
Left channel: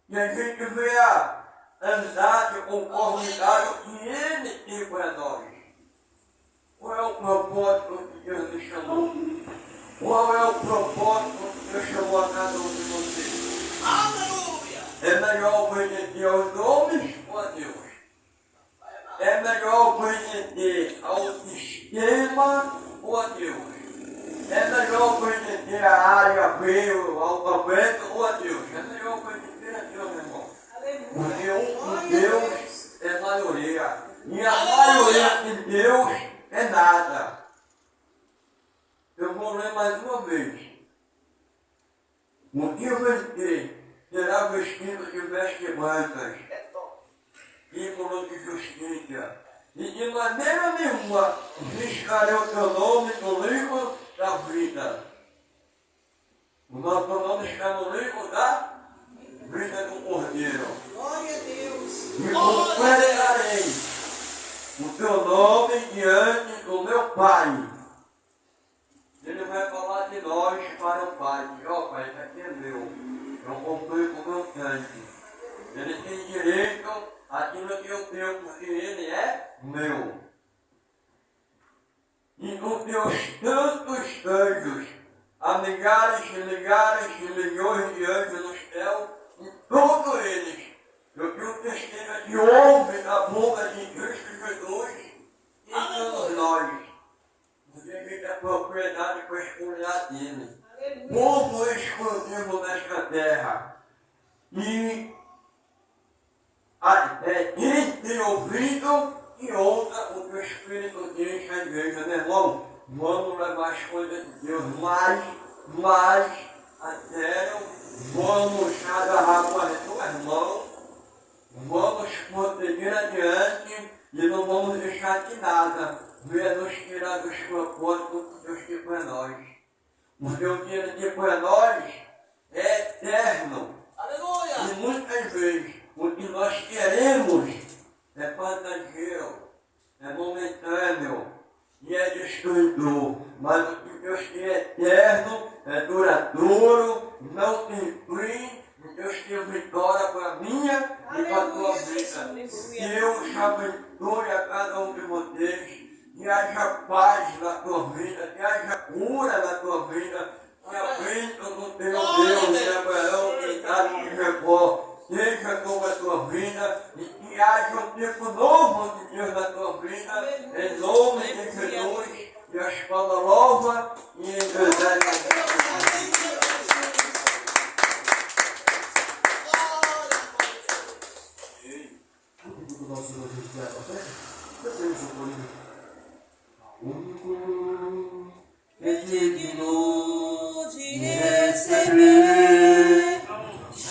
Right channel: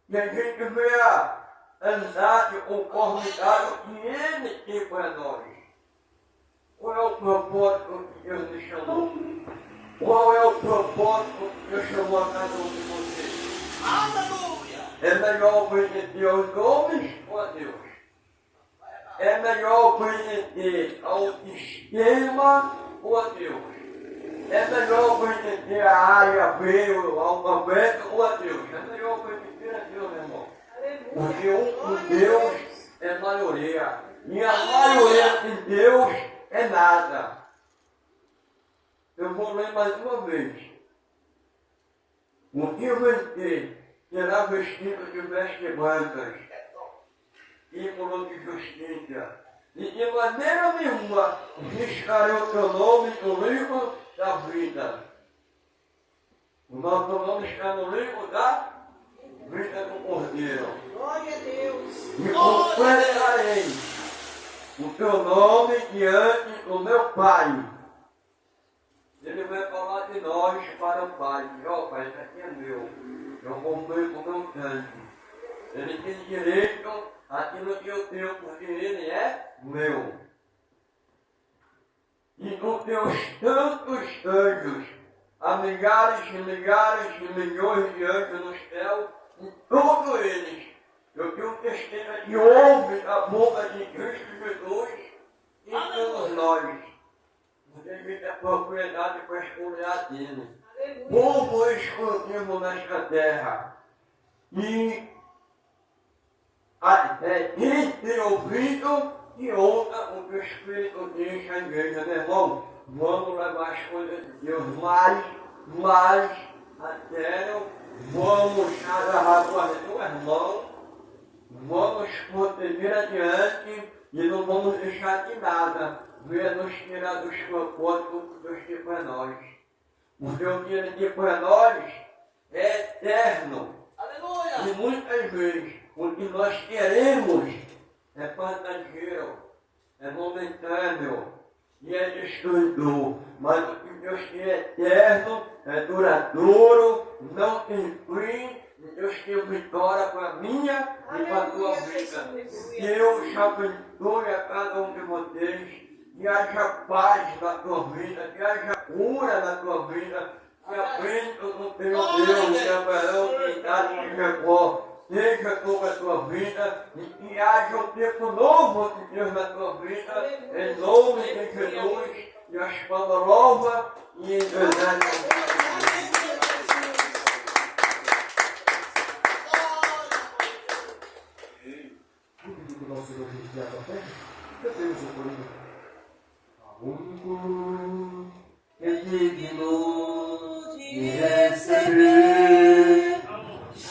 E a gente vê a andar de conformidade ao que Ele tem para nós. Qual é o propósito que Deus nos chamou? Qual é o propósito que Deus chamou a cada um de vocês? Aleluia! É melhor obedecer aos homens ou a Deus? É melhor obedecer ao sistema ou a Deus? É melhor obedecer à área B, ao alfabeto ou a Deus? É melhor obedecer a Deus, meu irmão. Porque o Deus é maioria. E a maioria de Deus é nada. Eu vou ler mais uma vez. O que você será vestido de vestes brancas, símbolo de justiça, e de maneira nenhuma riscarei o teu nome no livro da vida. O nosso nome está no livro da vida do Cordeiro. Glória a Deus. E considerarei o teu nome diante do meu Pai. Ele vai falar de nós para o Pai. Ó Pai, isso aqui é meu. Eu comprei com o meu sangue. Ele tem direito àquilo que eu tenho, porque ele é meu. E com teus tantos anjos, há milhares e milhares e milhões de anjos no céu, e todos eles, eu tenho certeza que ouvem a boca de Cristo Jesus e todos nós. Porque a gente é propriedade para escolher dele. Povo exclusivo nesta terra. E quem tem ouvido e ouça o que o Espírito diz à igreja, meu irmão. Vamos levar as coisas de Deus mais a sério. Vamos agarrar com as duas mãos. Vamos prosseguir adiante e não vamos deixar que nada venha nos tirar dos propósitos que Deus tem para nós. Porque o que Ele tem para nós é eterno. Aleluia! E muitas vezes o que nós queremos é passageiro, é momentâneo e é destruidor. Mas o que Deus tem é eterno, é duradouro, não tem fim. Deus tem vitória para a minha e para a tua vida. Deus abençoe a cada um de vocês. Que haja paz na tua vida, que haja cura na tua vida, que a bênção do teu Deus de Abraão, que está em Jacó, seja sobre a tua vida e que haja um tempo novo de Deus na tua vida, em nome de Jesus, e a espada louva e exerce. Do nosso Senhor Jesus Cristo da terra, cantemos o corinho. Único É digno de receber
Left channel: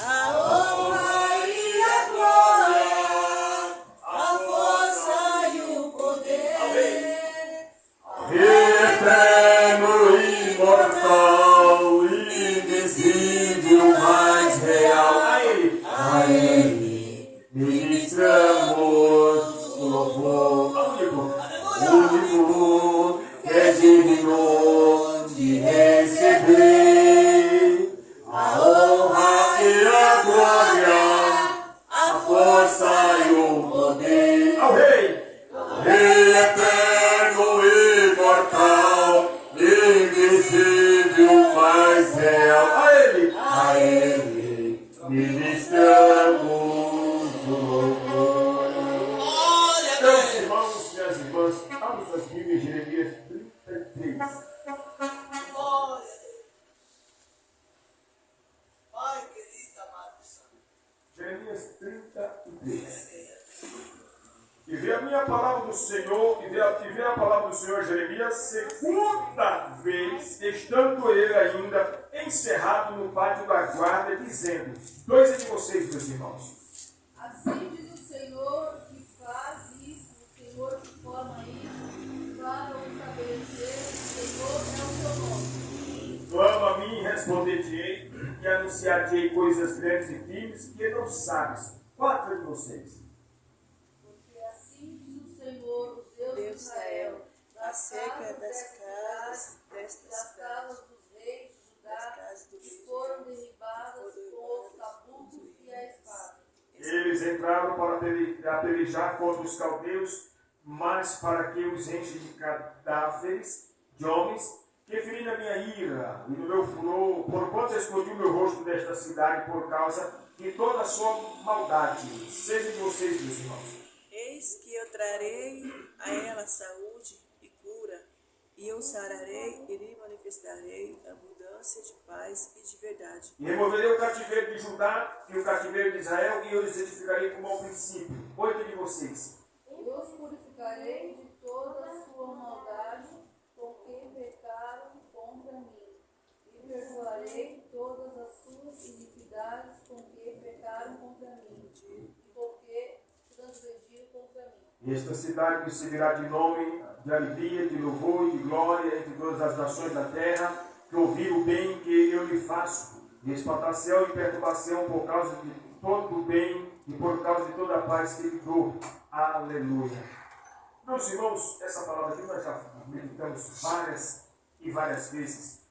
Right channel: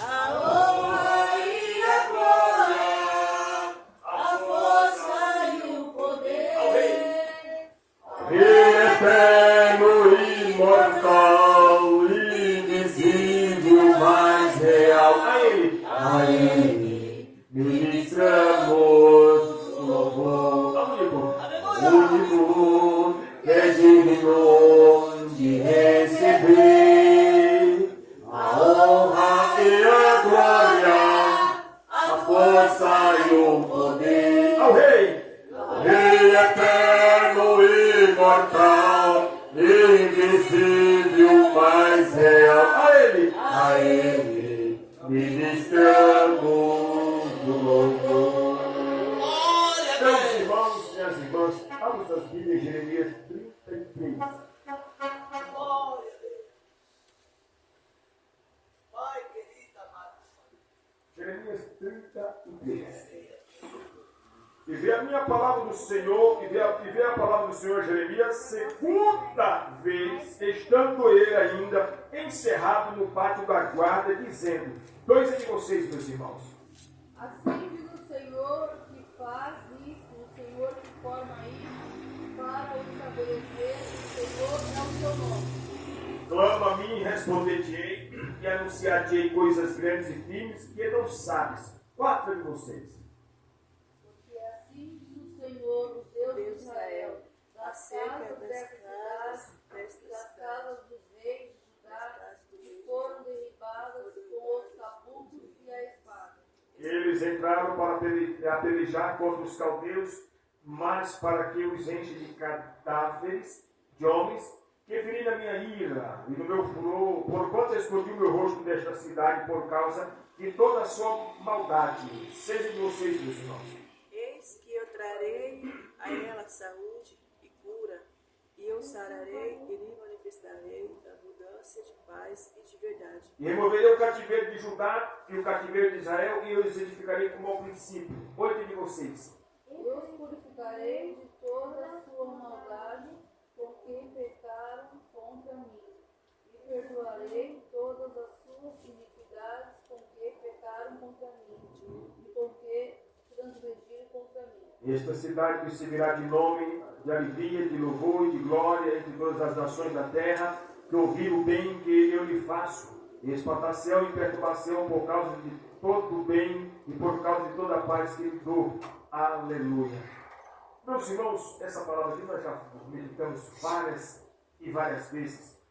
a honra e a glória, a força e o poder. eterno, imortal, invisível, mais real. A Ele ministramos o louvor. Único que é digno de receber a honra e a glória, a força e o poder. Ao Rei eterno, imortal, invisível, mais real. A Ele ministramos o louvor. Meus irmãos e as irmãs, abram suas Bíblias, Jeremias 33. Glória a Deus. Pai querido, amado Senhor. Jeremias 33. E vê a minha palavra do Senhor, e vê a palavra do Senhor Jeremias, segunda vez, estando ele ainda encerrado no pátio da guarda, dizendo: dois de vocês, meus irmãos. Assim diz o Senhor que faz isso, o Senhor que forma isso, para o estabelecer, o Senhor é o seu nome. Clama a mim e responder-te-ei, e anunciar-te-ei coisas grandes e firmes que não sabes. Quatro de vocês. Porque assim diz o Senhor, o Deus de Israel, das casas das casas dos reis de Judá, que foram derribadas com os cabucos e a espada. Eles entraram para pelejar contra os caldeus, mas para que os enche de cadáveres de homens, que feri na minha ira e no meu furor, porquanto escondi o meu rosto desta cidade por causa de toda a sua maldade. Seja de vocês, meus irmãos. Eis que eu trarei a ela saúde e cura, e eu sararei e lhe manifestarei abundância de paz e de verdade. E removerei o cativeiro de Judá e o cativeiro de Israel, e eu os edificarei como ao princípio. 8 de vocês. Eu os purificarei de toda a sua maldade, com que pecaram contra mim, e perdoarei todas as suas iniquidades, com que pecaram contra mim, e com que transgrediram contra mim. E esta cidade me servirá de nome, de alegria, de louvor e de glória entre todas as nações da terra, que ouviram o bem que eu lhe faço, e expatriação e perturbação por causa de todo o bem e por causa de toda a paz que lhe dou. Aleluia. Meus irmãos, essa palavra aqui nós já meditamos várias e várias vezes.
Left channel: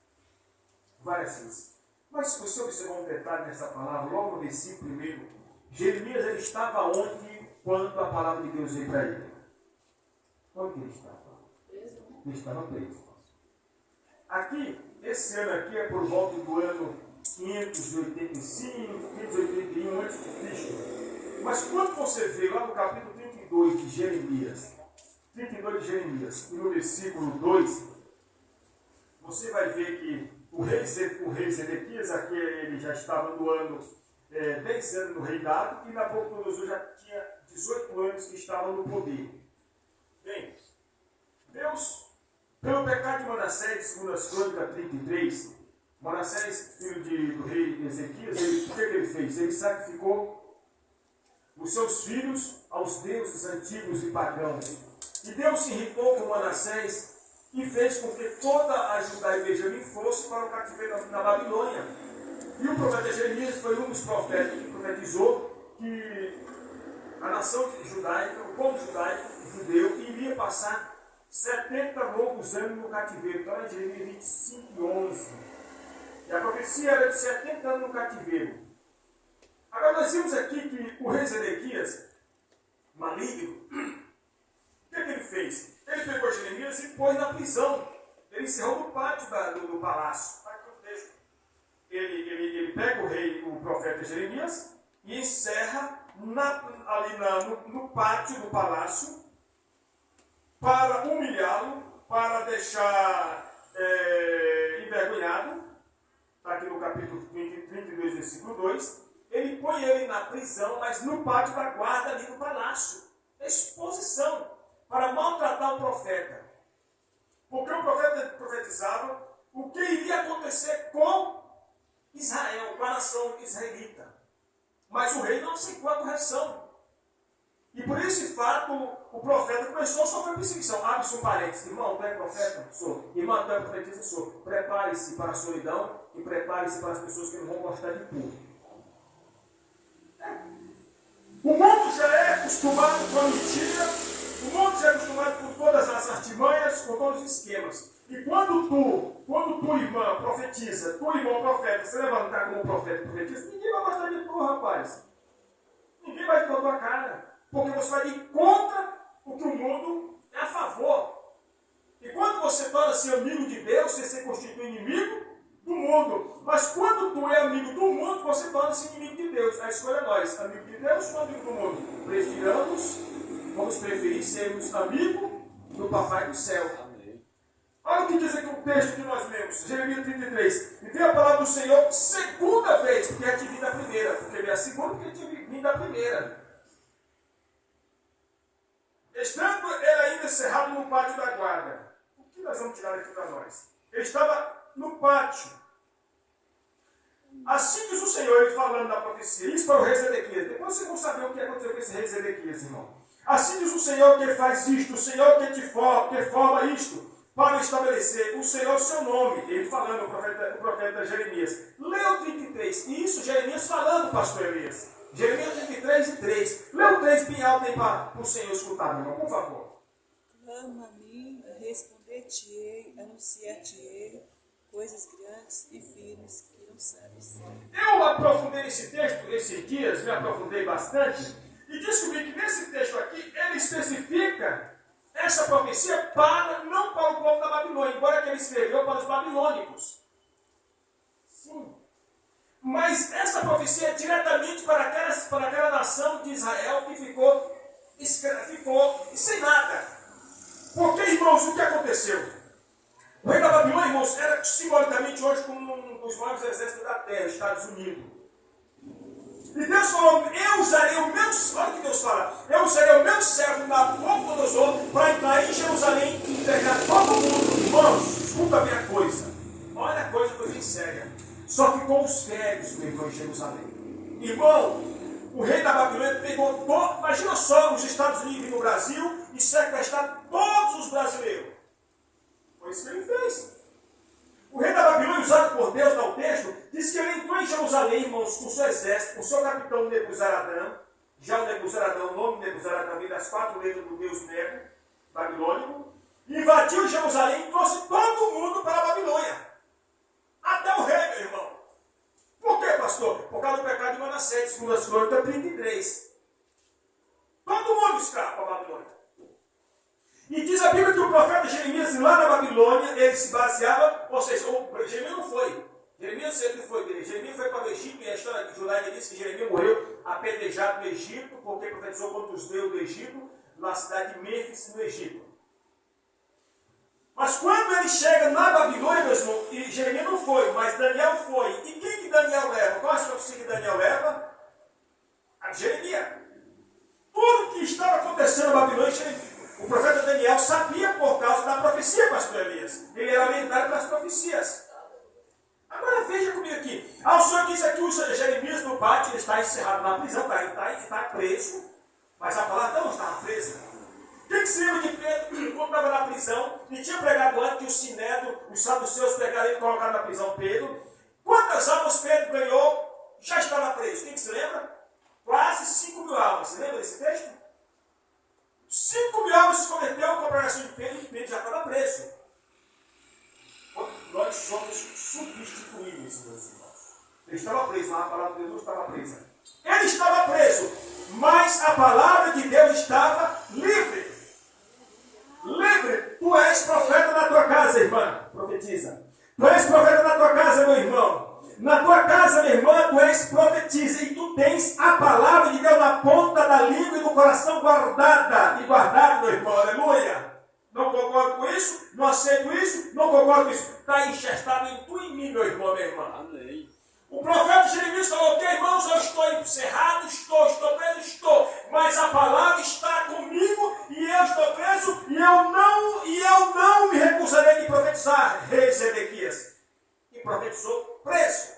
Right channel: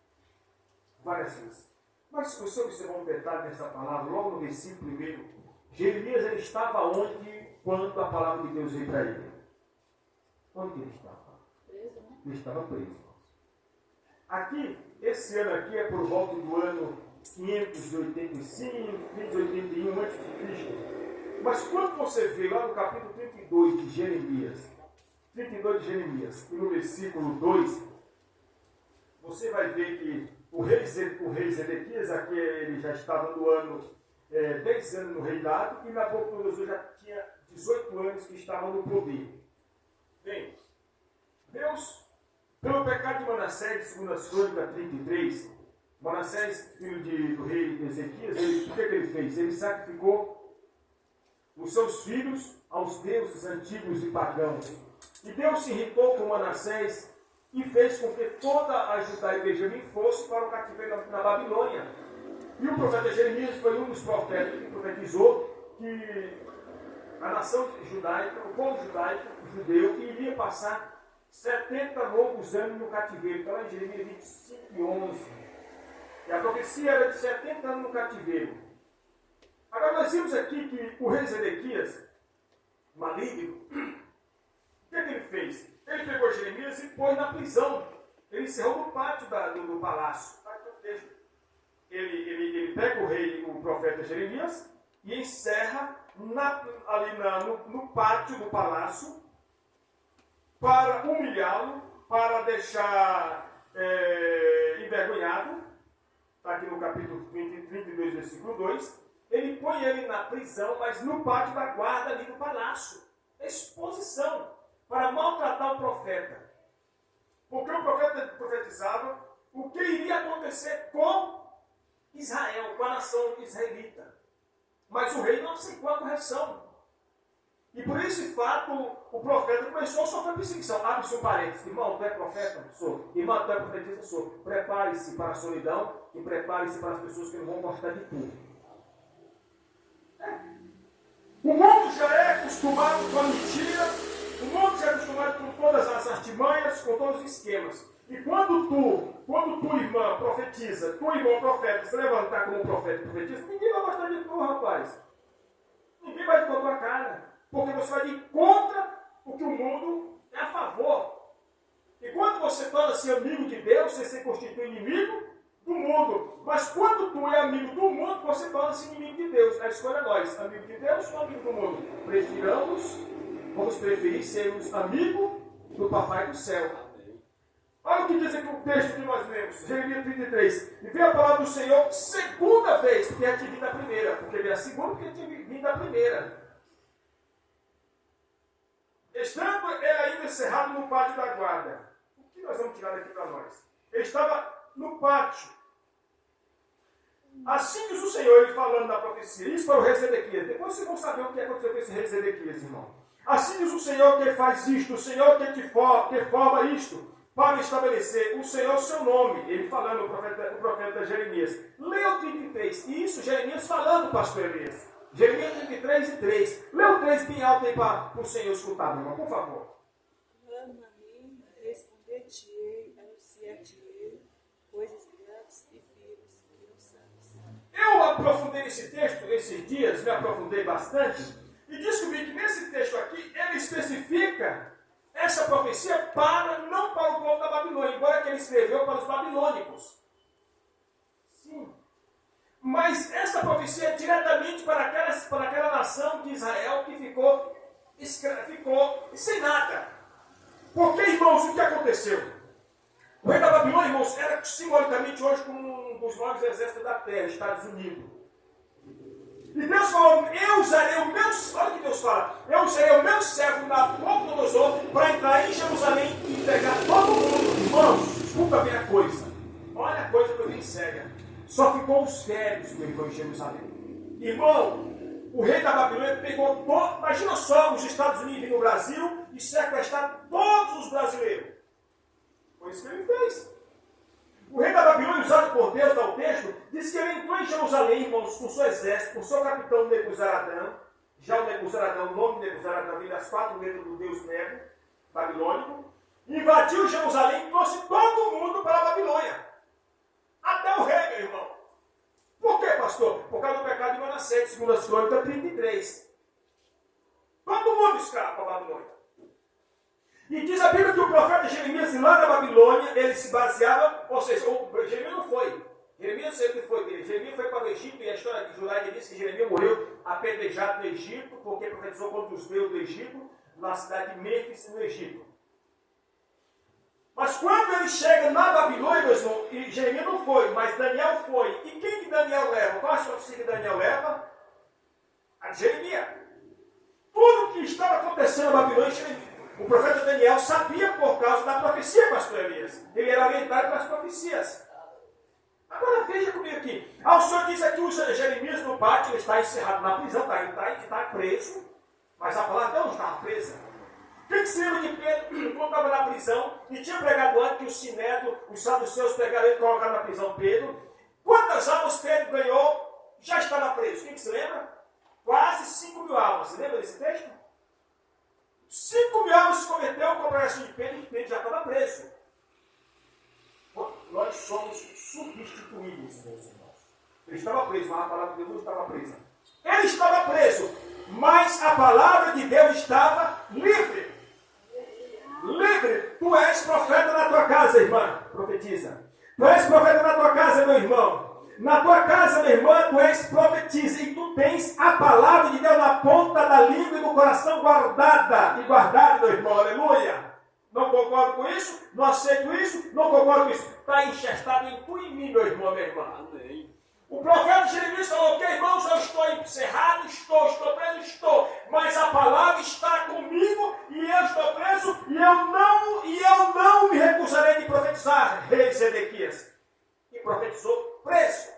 Várias vezes. Mas se você observar um detalhe nessa palavra, logo no versículo 1, Jeremias ele estava onde quando a palavra de Deus veio para ele? Onde ele estava? Preso, né? Ele estava preso. Aqui, esse ano aqui é por volta do ano 585, 581 a.C. Mas quando você vê lá no capítulo 32 de Jeremias, e no versículo 2, você vai ver que o rei Zedequias, aqui ele já estava no ano 10 anos no reinado, e Nabucodonosor já tinha 18 anos que estava no poder. Bem, Deus, pelo pecado de Manassés, segundo as Crônicas 33, Manassés, filho do rei Ezequias, o que ele fez? Ele sacrificou os seus filhos aos deuses antigos e pagãos. E Deus se irritou com Manassés e fez com que toda a Judá e Benjamim fosse para o cativeiro na Babilônia. E o profeta Jeremias foi um dos profetas que profetizou que a nação judaica, o povo judaico, judeu, iria passar 70 longos anos no cativeiro. Então, em Jeremias 25:11. E a profecia era de 70 anos no cativeiro. Agora, nós vimos aqui que o rei Zedequias, maligno, o que ele fez? Ele pegou Jeremias e pôs na prisão. Ele encerrou no pátio do palácio. Ele pega o profeta Jeremias e encerra ali no pátio do palácio para humilhá-lo, para deixar envergonhado. Está aqui no capítulo 32, versículo 2. Ele põe ele na prisão, mas no pátio da guarda ali do palácio. Exposição para maltratar o profeta. Porque o profeta profetizava o que iria acontecer com Israel, com a nação israelita. Mas o rei não aceitou a correção. E por esse fato, o profeta começou a sofrer perseguição. Abre-se um parênteses. Irmão, tu é profeta? Sou. Irmão, tu é profetisa? Sou. Prepare-se para a solidão e prepare-se para as pessoas que não vão gostar de tudo. O mundo já é acostumado com a mentira, o mundo já é acostumado com todas as artimanhas, com todos os esquemas. E quando tu, irmã, profetiza, tu, irmão, profeta, se levantar como profeta e profetiza, ninguém vai gostar de tu, rapaz. Ninguém vai com a tua cara. Porque você vai ir contra o que o mundo é a favor. E quando você torna-se amigo de Deus, você se constitui inimigo do mundo. Mas quando tu é amigo do mundo, você torna-se inimigo de Deus. A escolha é nós, amigo de Deus ou amigo do mundo. Vamos preferir sermos amigo do Papai do Céu. Olha o que diz aqui o texto que nós lemos, Jeremias 33. E veio a palavra do Senhor segunda vez, porque já tinha vindo a primeira. Porque veio a segunda, porque tinha vindo a primeira. Estando ele ainda encerrado no pátio da guarda. O que nós vamos tirar aqui para nós? Ele estava no pátio. Assim diz o Senhor, ele falando da profecia. Isso para o rei Zedequias. Depois vocês vão saber o que aconteceu com esse rei Zedequias, irmão. Assim diz o Senhor que ele faz isto, o Senhor que forma isto, para estabelecer o Senhor seu nome. Ele falando, o profeta Jeremias. Leia o 33. E isso, Jeremias falando, pastor Elias. Jeremias 33 e 3. Lê o 3 bem alto aí para o Senhor escutar, meu irmão, por favor. Clama a mim, responder-te-ei, anunciar-te-ei coisas grandes e firmes que não sabes. Eu aprofundei nesse texto esses dias, me aprofundei bastante, E descobri que nesse texto aqui, ele especifica essa profecia não para o povo da Babilônia, embora que ele escreveu para os babilônicos. Sim. Mas essa profecia é diretamente para aquela nação de Israel que ficou sem nada. Porque, irmãos, o que aconteceu? O rei da Babilônia, irmãos, era simbolicamente hoje como um dos maiores exércitos da terra, Estados Unidos. E Deus falou, eu usarei o meu, olha o que Deus fala, eu usarei o meu servo Nabucodonosor para entrar em Jerusalém e pegar todo mundo. Irmãos, escuta bem a coisa. Olha a coisa que eu bem séria. Só ficou os férios, meu irmão, em Jerusalém. Irmão, o rei da Babilônia pegou todo, imagina só, os Estados Unidos e no Brasil e sequestrar todos os brasileiros. Foi isso que ele fez. O rei da Babilônia, usado por Deus, dá o texto, diz que ele entrou em Jerusalém, irmãos, com o seu exército, com o seu capitão Nebuzaradã. Já o Nebuzaradã, o nome Nebuzaradã vem das 4 letras do deus Nebo, babilônico. Invadiu Jerusalém e trouxe todo mundo para a Babilônia. Até o rei, meu irmão. Por quê, pastor? Por causa do pecado de Manassés, segundo as Crônicas 33. Todo mundo escravo para a Babilônia. E diz a Bíblia que o profeta Jeremias, lá na Babilônia, ele se baseava, ou seja, Jeremias não foi. Jeremias sempre foi dele. Jeremias foi para o Egito, e a história judaica diz que Jeremias morreu apedrejado no Egito, porque profetizou contra os deuses do Egito, na cidade de Mênfis, no Egito. Mas quando ele chega na Babilônia, meus irmãos, e Jeremias não foi, mas Daniel foi. E quem que Daniel leva? Qual a profecia que Daniel leva? A de Jeremias. Tudo o que estava acontecendo na Babilônia, o profeta Daniel sabia por causa da profecia, pastor Elias. Ele era orientado pelas profecias. Agora veja comigo aqui. O senhor diz aqui, o Jeremias no pátio, ele está encerrado na prisão, está preso, mas a palavra não estava presa. Quem se lembra de Pedro, quando estava na prisão, e tinha pregado antes que o Sinédrio, os saduceus pegaram ele e colocaram na prisão Pedro? Quantas almas Pedro ganhou? Já estava preso. Quem se lembra? Quase 5.000 almas. Você lembra desse texto? 5.000 almas se converteu com a pregação de Pedro, e Pedro já estava preso. Nós somos substituíveis, meus irmãos. Ele estava preso, mas a palavra de Deus estava presa. Ele estava preso, mas a palavra de Deus estava livre. Livre. Tu és profeta na tua casa, irmã. Profetiza. Tu és profeta na tua casa, meu irmão. Na tua casa, minha irmã, tu és profetiza. E tu tens a palavra de Deus na ponta da língua e no coração guardada. E guardada, meu irmão. Aleluia. Não concordo com isso? Não aceito isso? Não concordo com isso? Está enxertado em tu e em mim, meu irmão, minha irmã. Amém. O profeta Jeremias falou, ok, irmãos, eu estou encerrado, estou preso, estou. Mas a palavra está comigo e eu estou preso e eu não me recusarei de profetizar, rei Zedequias. E profetizou preso.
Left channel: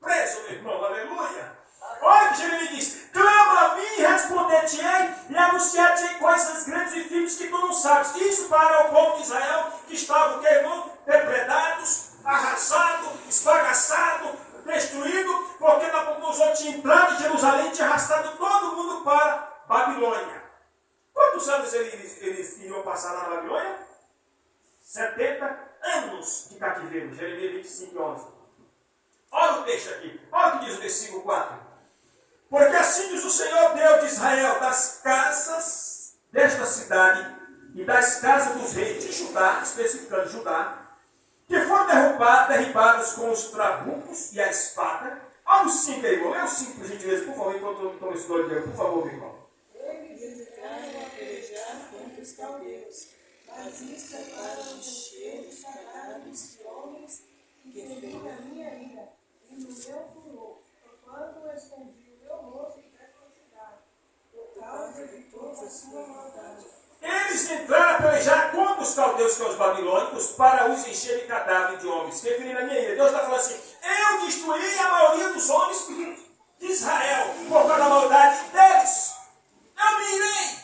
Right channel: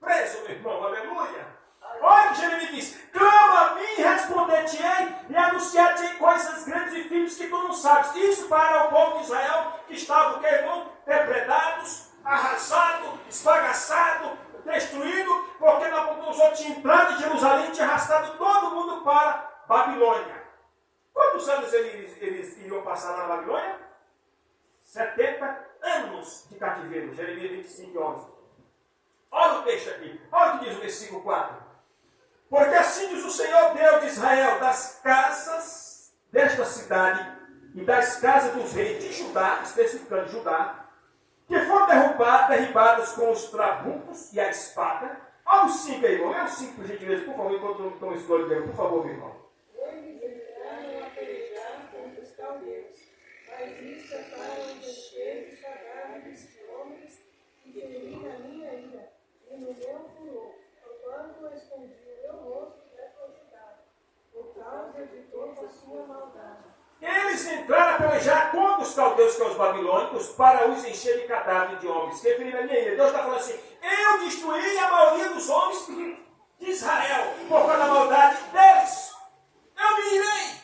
Preso, meu irmão, aleluia. Olha o que Jeremias diz, clama a mim e responder-te-ei e anunciar-te-ei coisas grandes e firmes que tu não sabes. Isso para o povo de Israel que estava, irmão, depredados, arrasado, esbagaçado, destruído, porque Nabucodonosor tinha entrado em Jerusalém e tinha arrastado todo mundo para Babilônia. Quantos anos eles iriam passar lá na Babilônia? 70 anos de cativeiro. Jeremias 25, 11. Olha o texto aqui. Olha o que diz o versículo 4. Porque assim diz o Senhor Deus de Israel, das casas desta cidade e das casas dos reis de Judá, especificando Judá, que foram derribadas com os trabucos e a espada. Olha o 5 aí, irmão. Lê o 5, por gentileza, por favor, enquanto eu estou estudando aqui. Por favor, meu irmão. Eles entraram a pelejar contra os caldeus, mas isto é para encher os cadáveres de homens que ferem na minha ira e no meu furor, porquanto eu escondi o meu rosto desta cidade, por causa de toda a sua maldade. Eles entraram a pelejar contra os caldeus, que são os babilônicos, para os encher de cadáveres de homens. Que na minha ira. Deus está falando assim, eu destruí a maioria dos homens de Israel, por causa da maldade deles. Eu me irei.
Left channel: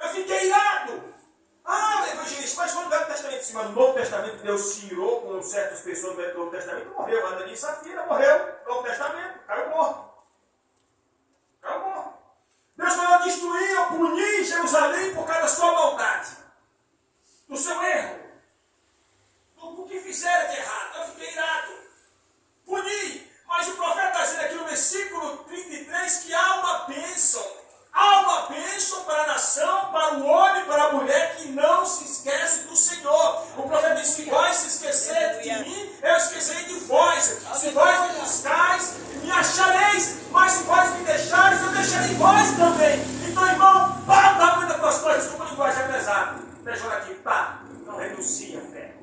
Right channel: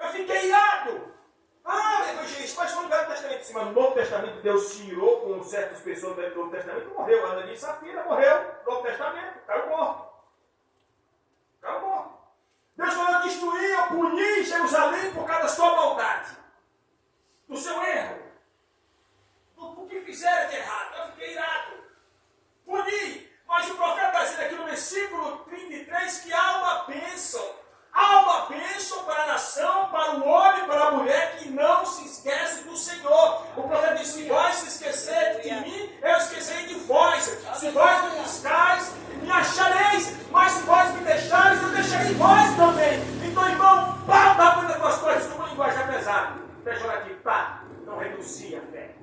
Eu fiquei irado. Evangelista, mas foi no Velho Testamento. Sim, mas no Novo Testamento Deus se irou com certas pessoas do Novo Testamento. Morreu. Ananias e Safira morreu. No Novo Testamento. Caiu morto. Caiu morto. Deus falou, destruir, eu puni Jerusalém por causa da sua maldade. Do seu erro. Do que fizeram de errado. Eu fiquei irado. Puni. Mas o profeta está dizendo aqui no versículo 33 que há uma bênção pejorativo. Tá, não renuncia a fé.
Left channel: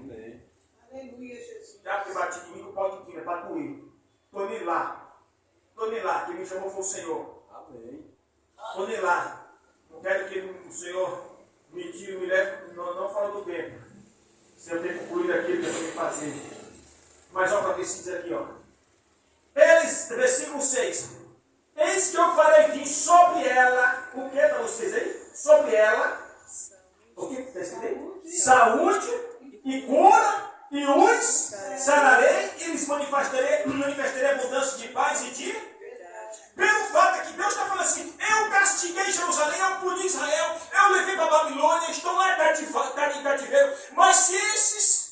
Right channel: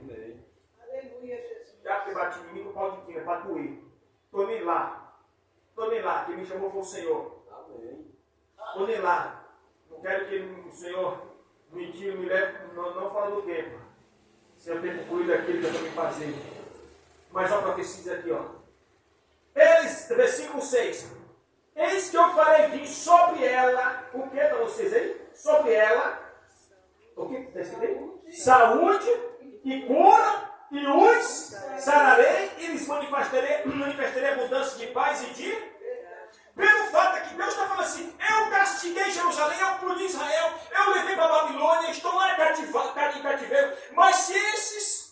Aleluia, Jesus. Já que bate em mim, não pode ir, é para doer. Estou nem lá. Estou nem lá. Quem me chamou foi o Senhor. Estou nem lá. Não quero que o Senhor me tire, me leve, não fora do tempo. Se eu tenho que concluir aquilo que eu tenho que fazer. Mas olha para ver se diz aqui, ó. Eles, versículo 6. Eis que eu farei vir sobre ela, o que para vocês aí? Sobre ela, o que está escrito aí? Saúde e cura, e os sararei, e lhes manifestarei abundância de paz e de... Pelo fato é que Deus está falando assim, eu castiguei Jerusalém, eu puni Israel, eu levei para a Babilônia, estão lá em cativeiro, mas se esses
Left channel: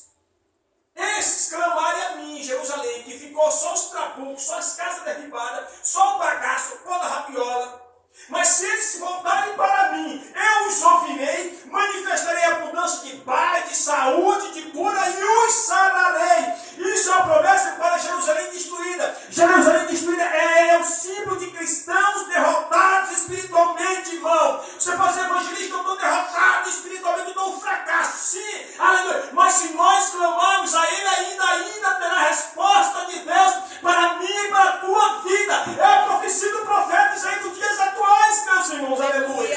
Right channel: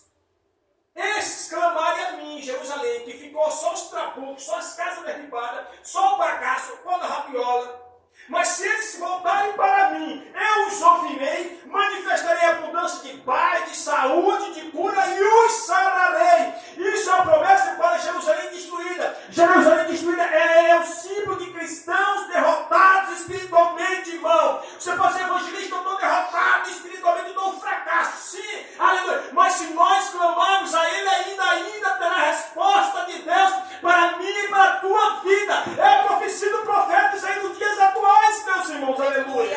clamarem a mim em Jerusalém, que ficou só os trabucos, só as casas derribadas, só o bagaço, toda a rabiola, mas se eles voltarem para mim, eu os ouvirei, manifestarei abundância de paz, de saúde, de cura e os sararei. Isso é uma promessa para Jerusalém destruída. Jerusalém destruída é o símbolo de cristãos derrotados espiritualmente, irmão. Você pode ser evangelista, eu estou derrotado espiritualmente, eu estou um fracasso. Sim, aleluia. Mas se nós clamarmos a Ele, ainda terá resposta de Deus para mim e para a tua vida. É a profecia do profeta Isaías nos dias atuais, meus irmãos, aleluia.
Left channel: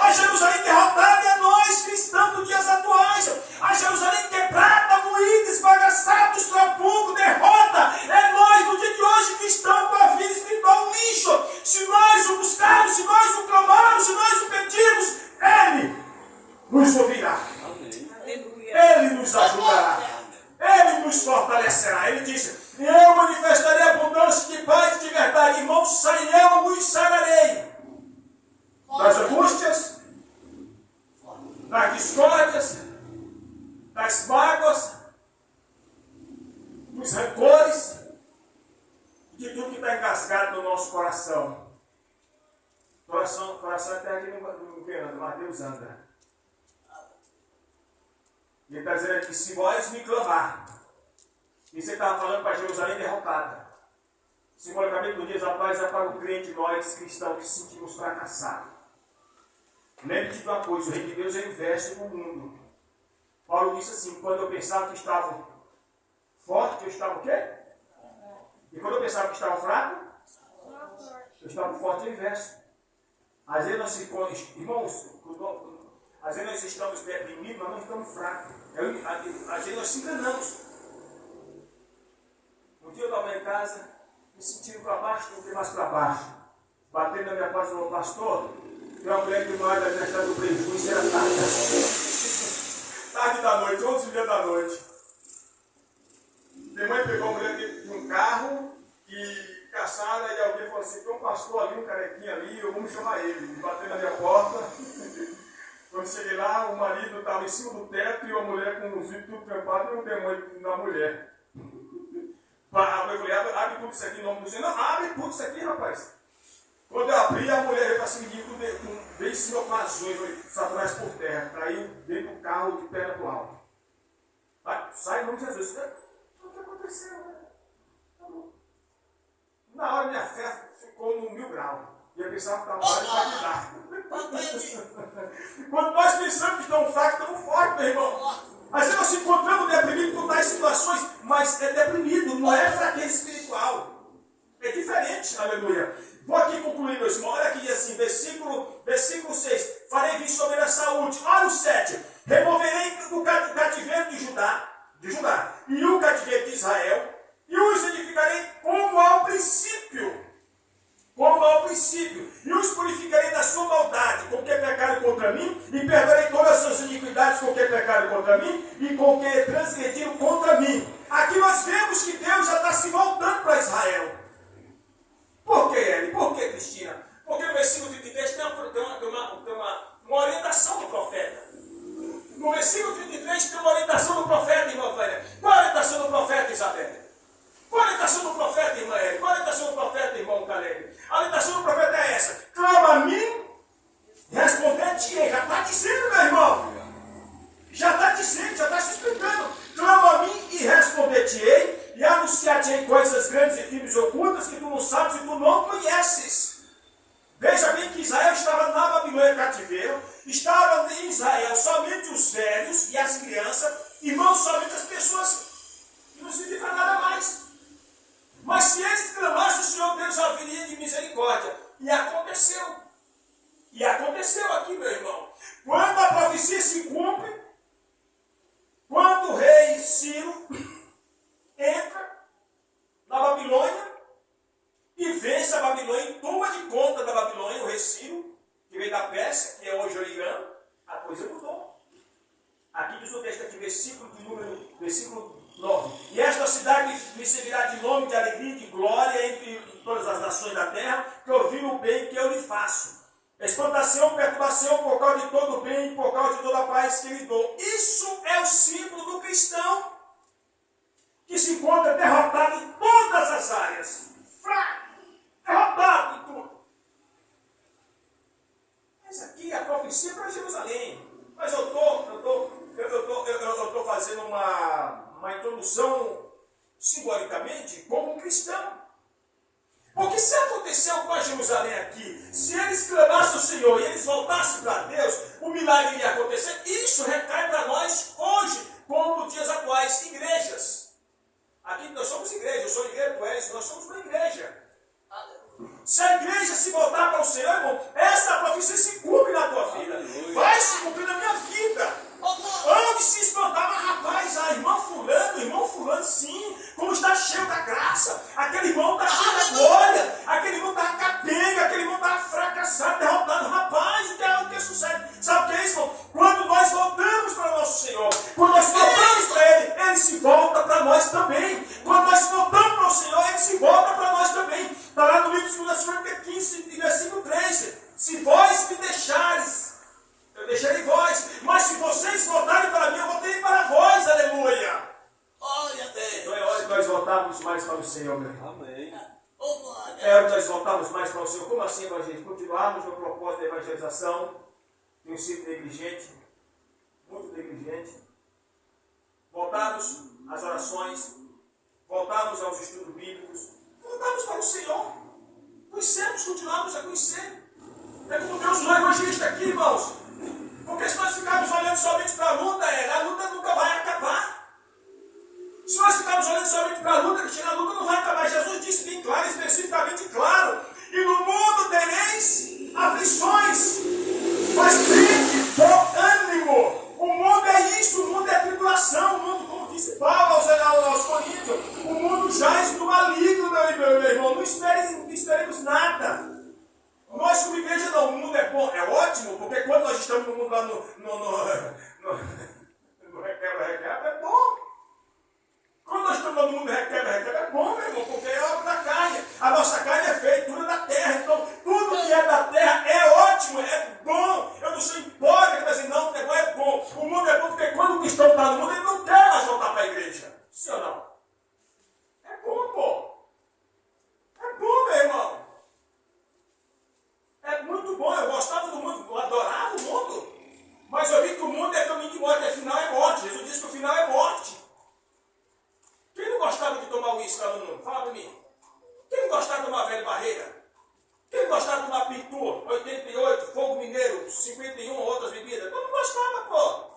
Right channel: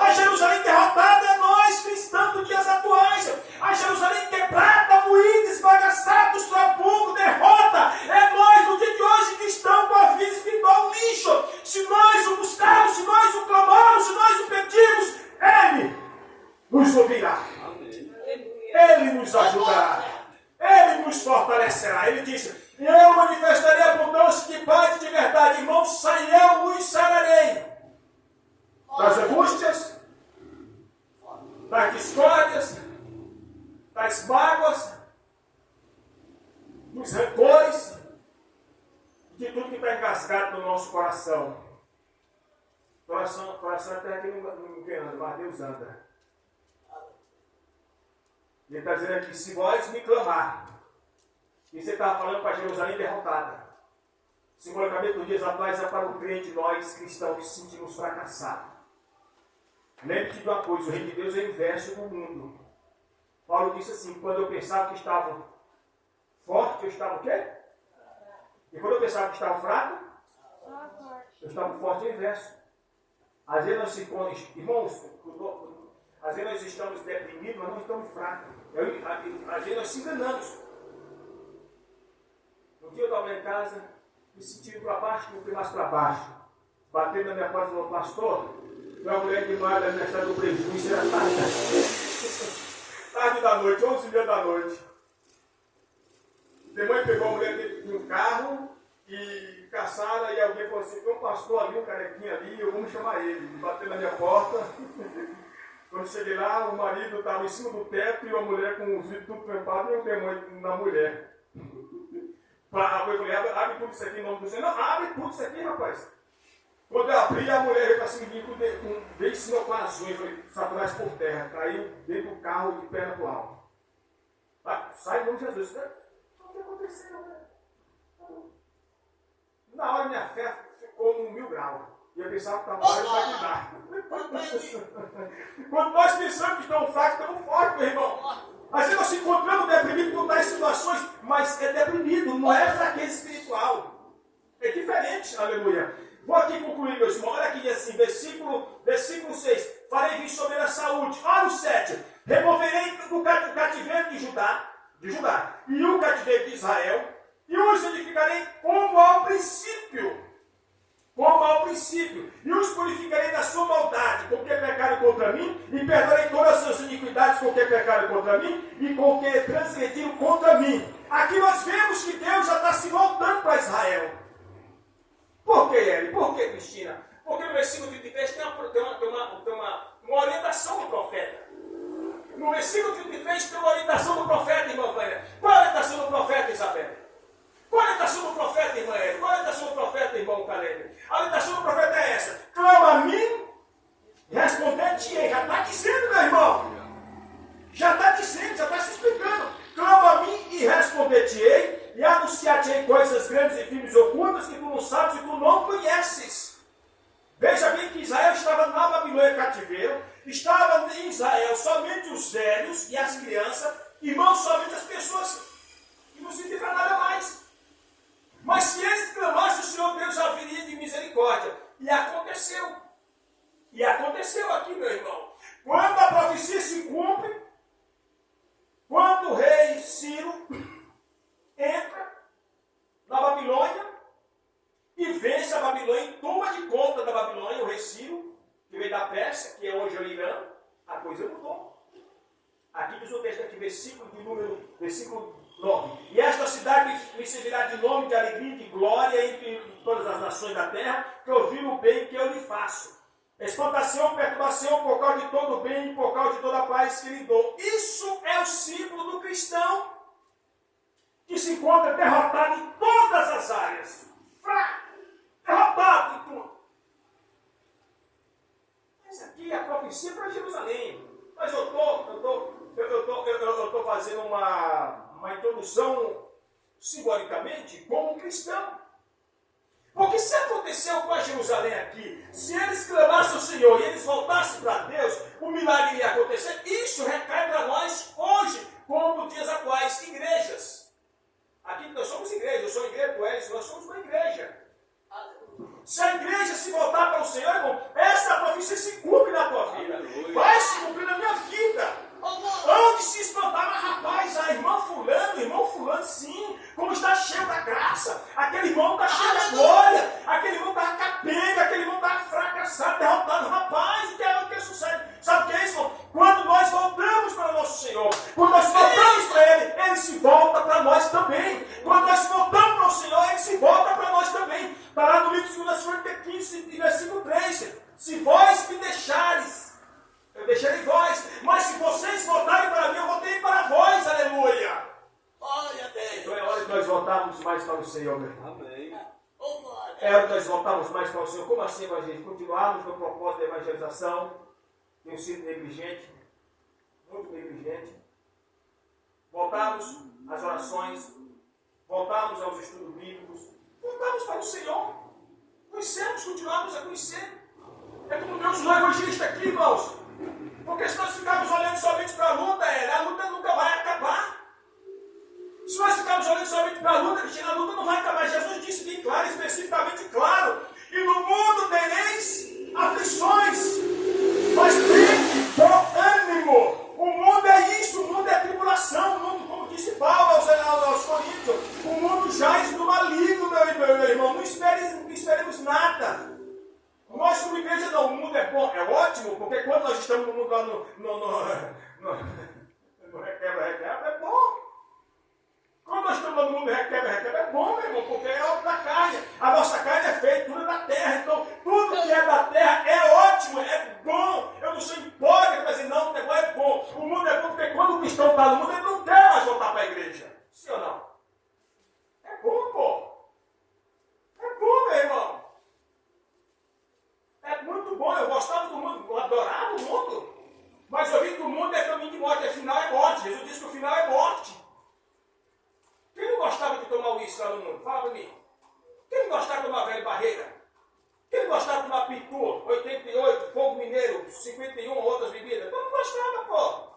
A Jerusalém derrotada é nós, cristãos dos dias atuais. A Jerusalém quebrada, moída, esbagaçada, dos trabucos, derrota, é nós no dia de hoje, cristãos com a vida espiritual lixo. Se nós o buscarmos, se nós o clamarmos, se nós o pedirmos, Ele nos ouvirá. Ele nos ajudará. Ele nos fortalecerá. Ele disse, eu manifestarei abundância de paz e de verdade. Irmão, eu nos sararei das angústias, das discórdias, das mágoas, dos rancores, de tudo que está engasgado no nosso coração. Coração até aqui não que anda, mas Deus anda. Ele está dizendo aqui, se vós me clamar, e você estava falando para Jerusalém derrotada. Simbolicamente, nos dias atuais, é para o crente, nós cristãos que se sentimos fracassados. Lembre-te de uma coisa, o reino de Deus é inverso do mundo. Paulo disse assim, quando eu pensava que estava forte, eu estava o quê? E quando eu pensava que estava fraco, eu estava forte, é o inverso. Às vezes nós se irmãos, às vezes nós estamos deprimidos, mas não estamos fracos. Às vezes nós se enganamos. Um dia eu estava lá em casa, me sentindo para baixo, não fui mais para baixo. Batendo na minha porta e falou, pastor, tem uma mulher que mora na minha estrada do prejuízo, era tarde. Tarde da noite, 11h30 da noite. Minha mãe pegou a mulher dentro de um carro e caçaram, e alguém falou assim, tem um pastor ali, um carequinha ali, eu vou chamar ele. Bateu na minha porta. Quando cheguei lá, o marido estava em cima do teto e a mulher com os vidros tudo trampados e um demônio na mulher. Eu falei, abre tudo isso aqui em nome do Senhor. Não, abre tudo isso aqui, rapaz. Quando eu abri, a mulher veio para cima de mim, veio em cima com as unhas, foi Satanás por terra, caiu dentro do carro de perna pro alto. Sai em nome de Jesus. O que aconteceu, né? Na hora minha fé ficou no 1000 graus. E eu pensava que estava mais para me dar. Quando nós pensamos que estamos fracos, estamos fortes, meu irmão. Às vezes nós se encontramos deprimidos por tais situações, mas é deprimido, não é fraqueza espiritual. É diferente, aleluia. Vou aqui concluir, meus irmãos. Olha aqui, diz assim, versículo 6. Farei vir sobre a saúde. Olha o 7. Removerei o cativeiro de Judá, e o cativeiro de Israel, e os edificarei como ao princípio. E os purificarei da sua maldade, com que pecaram contra mim, e perdoarei todas as suas iniquidades com que pecaram contra mim, e com que transgrediram contra mim. Aqui nós vemos que Deus já está se voltando para Israel. Por que, Eli? Por que, Cristina? Porque no versículo 33 tem uma orientação do profeta. No versículo 33 tem uma orientação do profeta, irmã Vânia. Qual a orientação do profeta, Isabel? Qual a orientação do profeta, irmã Eli? Qual a orientação do profeta, irmão Caleb? A orientação do profeta é essa. Clama a mim e responder-te-ei. Já está dizendo, meu irmão. Já está dizendo, já está se explicando. Clama a mim e responder-te-ei. E anunciar-te-ei coisas grandes e firmes ocultas que tu não sabes e tu não conheces. Veja bem que Israel estava na Babilônia cativeiro. Estavam em Israel somente os velhos e as crianças, e não somente as pessoas que não significa nada mais. Mas se eles clamassem, o Senhor Deus haveria de misericórdia. E aconteceu. E aconteceu aqui, meu irmão. Quando a profecia se cumpre, quando o rei Ciro entra na Babilônia e vence a Babilônia e toma de conta da Babilônia, o rei Ciro, que veio da Pérsia, que é hoje o Irã, a coisa mudou. Aqui diz o texto aqui, versículo 9. E esta cidade me servirá de nome, de alegria e de glória entre todas as nações da terra, que ouviram o bem que eu lhe faço. Espantação, perturbação por causa de todo o bem e por causa de toda a paz que lhe dou. Isso é o símbolo do cristão que se encontra derrotado em todas as áreas. Fraco, derrotado em tudo. Mas aqui a profecia para Jerusalém. Mas eu estou fazendo uma introdução simbolicamente como um cristão. Porque se aconteceu com a Jerusalém aqui, se eles clamassem ao Senhor e eles voltassem para Deus, o milagre ia acontecer. Isso recai para nós hoje, como nos dias atuais, igrejas. Aqui nós somos igreja, eu sou igreja, tu és, nós somos uma igreja. Se a igreja se voltar para o Senhor, irmão, essa profecia se cumpre na tua vida. Vai se cumprir na minha vida. Onde se espantar, mas rapaz, a irmã fulano, sim, como está cheio da graça. Aquele irmão está cheio da glória. Aquele irmão está capenga, aquele irmão está fracassado, derrotado. Rapaz, o que sucede? Sabe o que é isso, irmão? Quando nós voltamos para o nosso Senhor, quando nós voltamos para Ele se volta para nós também. Quando nós voltamos para o Senhor, Ele se volta para nós também. Está lá no livro de 2 Coríntios 15, versículo 3. Se vós me deixares, eu deixarei vós. Mas se vocês voltarem para mim, eu voltarei para vós. Aleluia. Glória a Deus. Então é hora de nós voltarmos mais para o Senhor, meu irmão. Amém. Oh, glória. É hora de nós voltarmos mais para o Senhor. Como assim, irmã, gente? Continuarmos no propósito da evangelização. Tenho sido negligente, muito negligente. Voltarmos às orações. Voltarmos aos estudos bíblicos. Voltarmos para o Senhor. Conhecemos, continuarmos a conhecer. É como Deus nos evangelista aqui, irmãos. Porque se nós ficarmos olhando somente para a luta nunca vai acabar. Se nós ficarmos olhando somente para a luta não vai acabar. Jesus disse bem claro, especificamente claro. E no mundo tereis aflições. Mas tem bom ânimo. O mundo é isso, o mundo é tribulação. O mundo, como disse Paulo aos Coríntios, o mundo jaz do maligno, meu irmão. Não esperemos nada. Nós, como igreja, não, o mundo é bom, é ótimo, porque quando nós estamos no mundo lá no requebra, é bom. Quando nós estamos no mundo requebra, é bom, meu irmão, porque é obra da carne. A nossa carne é feitura da terra, então tudo que é da terra é ótimo, é bom. Eu não sou hipócrita, mas não, o negócio é bom. O mundo é bom porque quando o cristão está no mundo, ele não quer mais voltar para a igreja. Sim ou não? É bom, pô. É bom, meu irmão. É muito bom, eu gostava do mundo, eu adorava o mundo. Mas eu vi que o mundo é caminho de morte, afinal é morte. Jesus disse que o final é morte. Quem não gostava de tomar uísque lá no mundo? Fala para mim. Quem não gostava de tomar velha barreira? Quem não gostava de tomar pitu, 88, fogo mineiro, 51, outras bebidas? Eu não gostava, pô.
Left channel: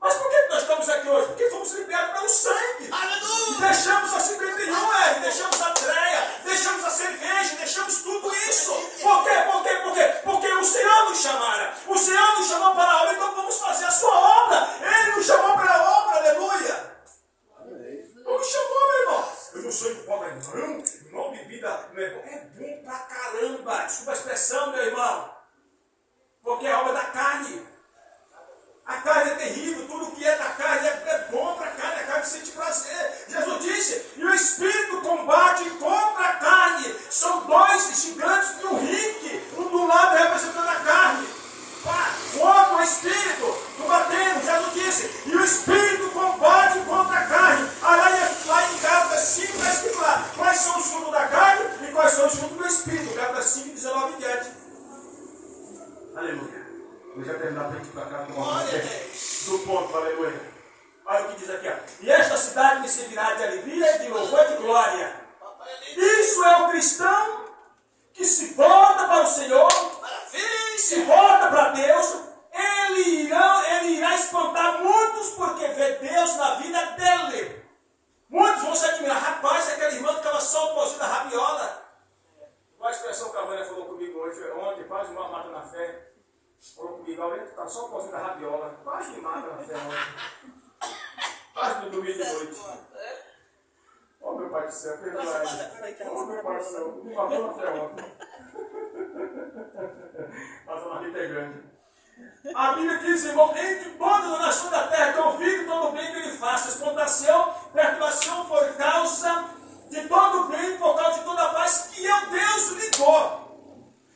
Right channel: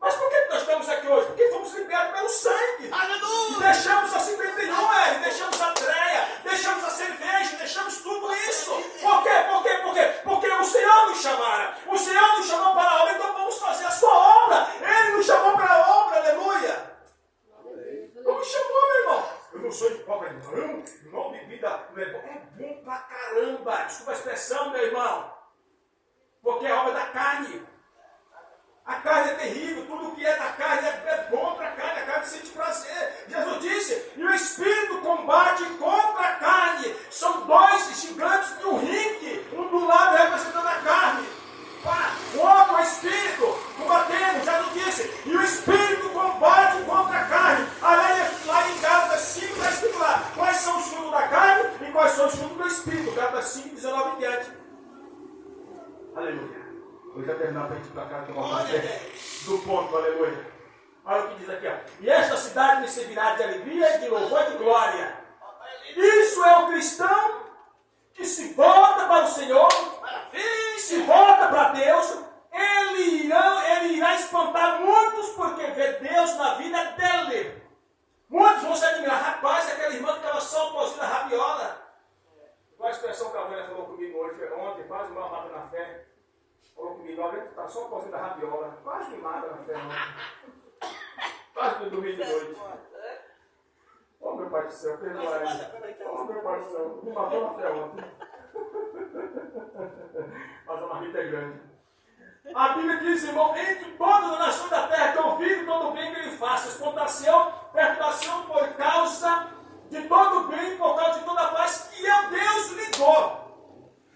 Mas por que nós estamos aqui hoje? Porque fomos liberados pelo sangue. Aleluia. E deixamos a 51, deixamos a treia, deixamos a cerveja, deixamos tudo isso. Por quê? Porque o Senhor nos chamara. O Senhor nos chamou para a obra, então vamos fazer a sua obra. Ele nos chamou para a obra, aleluia. Ele me chamou, meu irmão. Eu não sou hipócrita, não, bebida não é bom. É bom pra caramba. Desculpa a expressão, meu irmão. Porque é obra da carne. A carne é terrível, tudo que é da carne é bom para a carne sente prazer. Jesus disse, e o Espírito combate contra a carne. São dois gigantes de um ringue, um do lado representando a carne. Contra o Espírito, combatendo, Jesus disse, e o Espírito combate contra a carne. Lá em Gálatas 5 está escrito lá, quais são os frutos da carne e quais são os frutos do Espírito. Gálatas 5, 19 e 10. Aleluia. Vou já terminar para a gente ir para cá, que eu vou do ponto, aleluia. Olha o que diz aqui, ó. E esta cidade me servirá de alegria, de louvor e de glória. Isso é o cristão que se volta para o Senhor, se volta para Deus, ele irá espantar muitos porque vê Deus na vida dele. Muitos vão se admirar. Rapaz, aquele irmão que estava só o pozinho da rabiola. Qual a expressão que a Vânia falou comigo ontem, quase uma mata na fé. Falou comigo, alguém que está só o pozinho da rabiola. Quase me mata na fé ontem. Quase me dormi de noite. Oh, meu Pai do céu, perdoa ele. Oh, meu Pai do céu, me matou na fé ontem. Mas a marmita é grande. A Bíblia diz, irmão, entre todas as nações da terra que ouvirem todo o bem que ele faça, exportação, perturbação por causa de todo o bem, por causa de toda a paz que é o Deus lhe dou.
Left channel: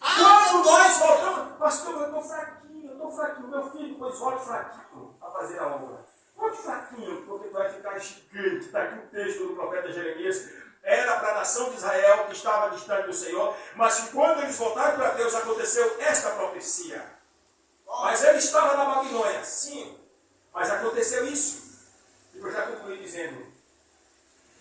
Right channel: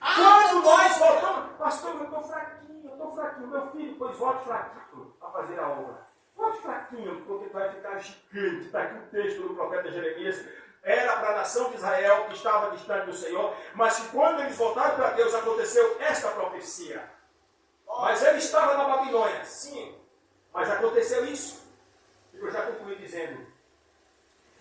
Quando nós voltamos, pastor, eu estou fraquinho, meu filho, pois volte fraquinho para fazer a obra. Volte fraquinho, porque tu vai ficar gigante. Está aqui o texto do profeta Jeremias. Era para a nação de Israel que estava distante do Senhor, mas que quando eles voltaram para Deus, aconteceu esta profecia. Mas ele estava na Babilônia, sim, mas aconteceu isso. E eu já concluí dizendo:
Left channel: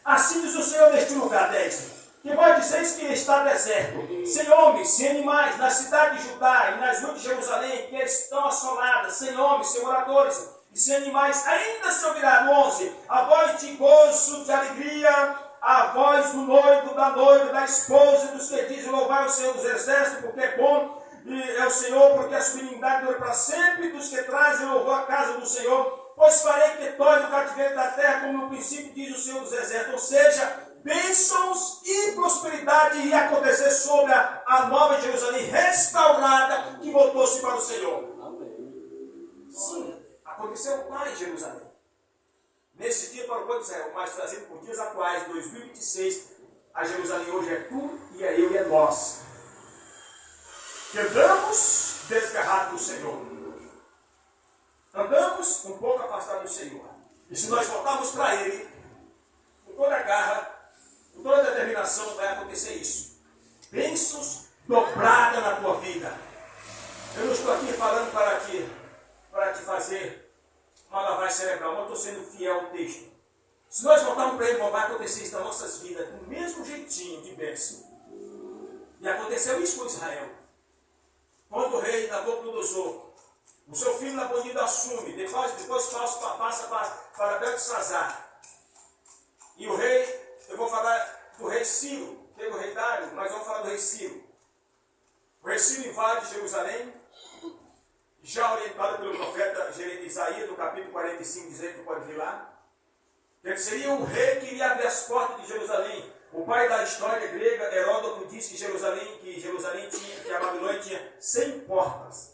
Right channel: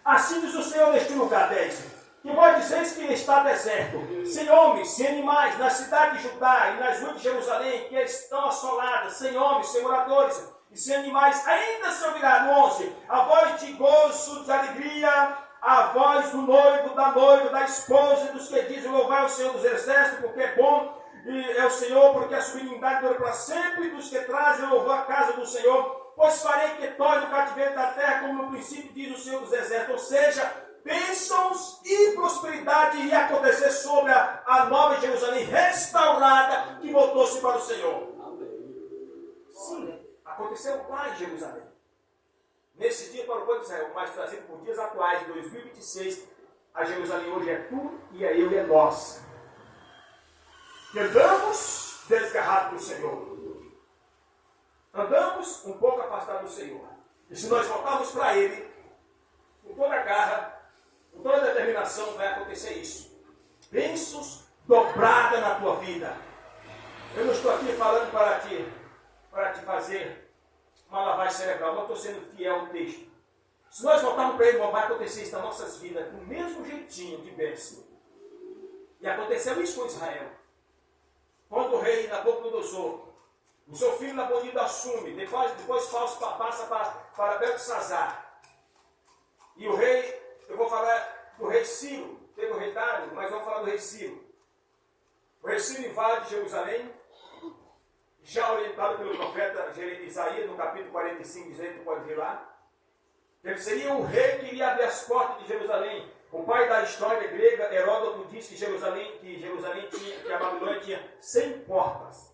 assim diz o Senhor neste lugar, 10, que vós disseis que está deserto, sem homens, sem animais, na cidade de Judá e nas ruas de Jerusalém, que estão assoladas, sem homens, sem moradores e sem animais, ainda se ouvirá no 11, a voz de gozo, de alegria, a voz do noivo, da noiva, da esposa e dos que dizem louvar o Senhor dos exércitos, porque é bom, e é o Senhor, porque a sua benignidade dura para sempre, dos que trazem louvor à casa do Senhor, pois farei que torne o cativeiro da terra como no princípio, diz o Senhor dos exércitos, ou seja, bênçãos e prosperidade ia acontecer sobre a nova Jerusalém restaurada, que voltou-se para o Senhor. Sim, aconteceu lá em Jerusalém. Nesse dia para o povo de Israel, mas trazido por dias atuais, 2026, a Jerusalém hoje é tu e é eu e é nós. Que andamos desgarrados do Senhor. Andamos um pouco afastados do Senhor. E se nós voltarmos para Ele, com toda a garra, com toda a determinação, vai acontecer isso. Bênçãos dobradas na tua vida. Eu não estou aqui falando para te fazer uma lavagem cerebral, mas eu estou sendo fiel ao texto. Se nós voltarmos para Ele, vai acontecer isso nas nossas vidas, do mesmo jeitinho de bênção. E aconteceu isso com Israel. Quando o rei Nabucodonosor, o seu filho Nabonido assume, depois passa para Beltesazar. E o rei, eu vou falar do rei Ciro, teve o rei Dário, mas eu vou falar do rei Ciro. O rei Ciro invade Jerusalém, já orientado pelo profeta Isaías, no capítulo 45, diz aí, tu pode ver lá. Ele seria o rei que iria abrir as portas de Jerusalém. O pai da história grega, Heródoto, diz que a Babilônia tinha 100 portas.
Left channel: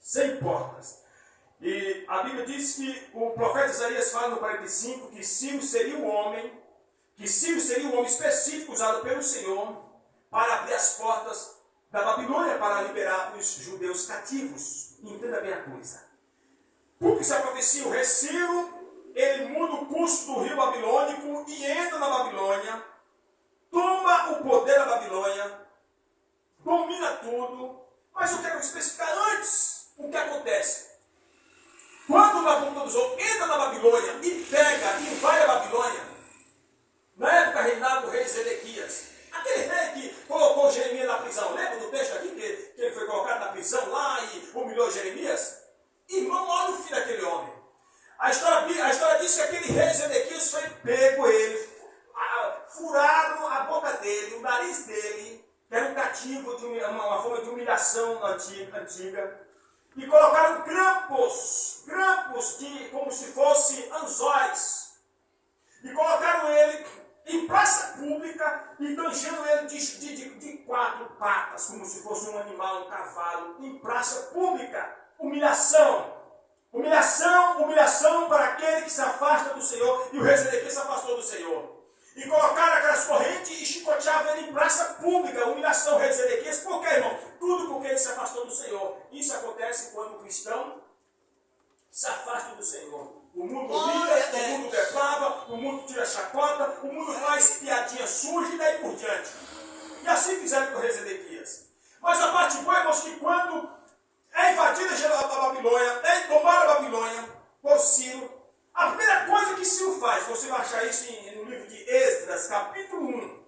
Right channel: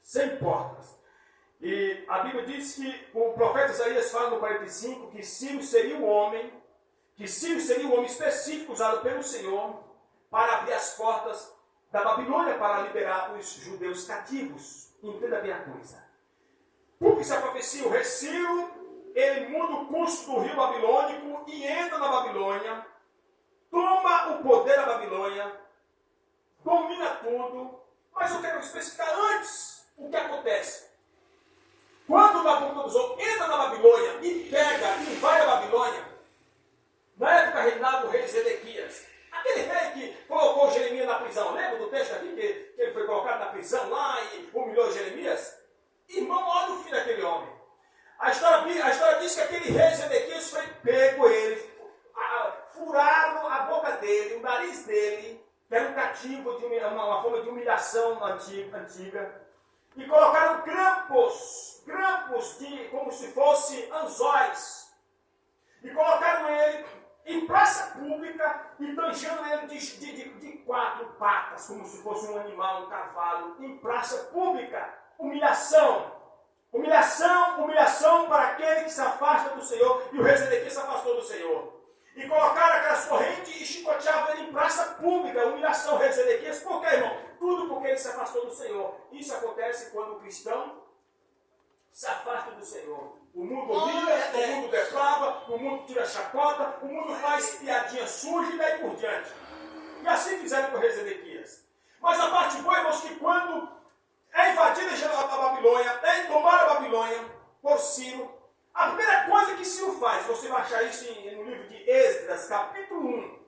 100 portas. E a Bíblia diz que o profeta Isaías fala no 45 que Ciro seria o homem específico usado pelo Senhor para abrir as portas da Babilônia para liberar os judeus cativos. Entenda bem a coisa. Porque essa profecia, o rei Ciro, ele muda o curso do rio babilônico e entra na Babilônia, toma o poder da Babilônia, domina tudo, mas eu quero especificar antes o que acontece. Quando o Nabucodonosor entra na Babilônia e invade a Babilônia, na época reinava o rei Zedequias, aquele rei que colocou Jeremias na prisão. Lembra do texto aqui que ele foi colocado na prisão lá e humilhou Jeremias? Irmão, olha o fim daquele homem. A história diz que aquele rei Zedequias foi pego, furaram a boca dele, o nariz dele, que era um cativo, de uma forma de humilhação antiga, e colocaram grampos como se fossem anzóis, e colocaram ele em praça pública e tangindo ele de 4 patas, como se fosse um animal, um cavalo, em praça pública. Humilhação para aquele que se afasta do Senhor, e o rei Zedequias se afastou do Senhor. E colocaram aquelas correntes e chicoteavam ele em praça pública. Humilhação, o rei Zedequias. Por quê, irmão? Tudo porque ele se afastou do Senhor. Isso acontece quando o cristão se afasta do Senhor. O mundo humilha, o mundo deprava, o mundo tira chacota, o mundo faz piadinha suja e daí por diante. E assim fizeram com o rei Zedequias. Mas a parte boa, irmãos, que quando é invadida a Babilônia, é tomada a Babilônia por Ciro, a primeira coisa que Ciro faz, você vai achar isso no livro de Esdras, capítulo 1.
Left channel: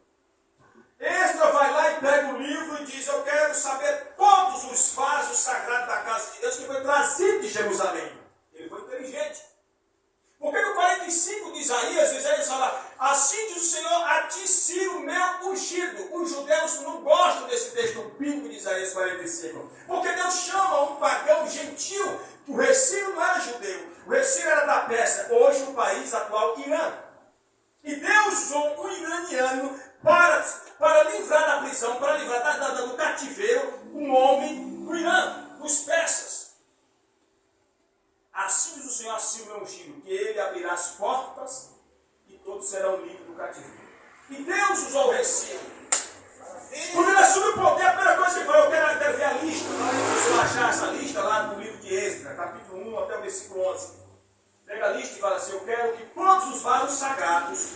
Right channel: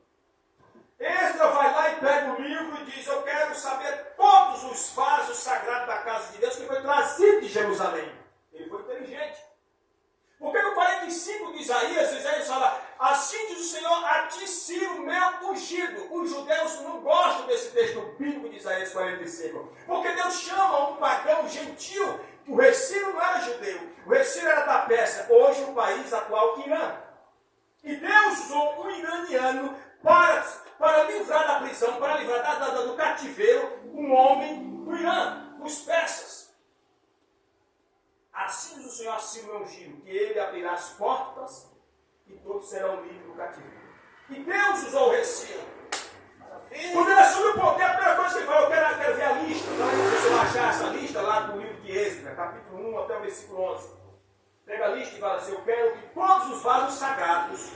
Esdras vai lá e pega o livro e diz: eu quero saber todos os vasos sagrados da casa de Deus que foi trazido de Jerusalém. Ele foi inteligente. Porque no 45 de Isaías fala: assim diz o Senhor, a ti sim o meu ungido. Os judeus não gostam desse texto bíblico de Isaías 45. Porque Deus chama um pagão gentil. O rei Ciro não era judeu. O rei Ciro era da Pérsia. Hoje o país atual, Irã. E Deus usou um iraniano para livrar da prisão, para livrar do cativeiro, um homem do Irã, dos persas. Assim diz o Senhor, assim o meu ungido, que ele abrirá as portas e todos serão livres do cativeiro. E Deus usou o rei Ciro. Quando ele assume o poder, a primeira coisa que ele falou: eu quero ver a lista. Você vai achar essa lista lá no livro de Esdras, capítulo 1 até o versículo 11. Pega a lista e fala assim: eu quero que todos os vasos sagrados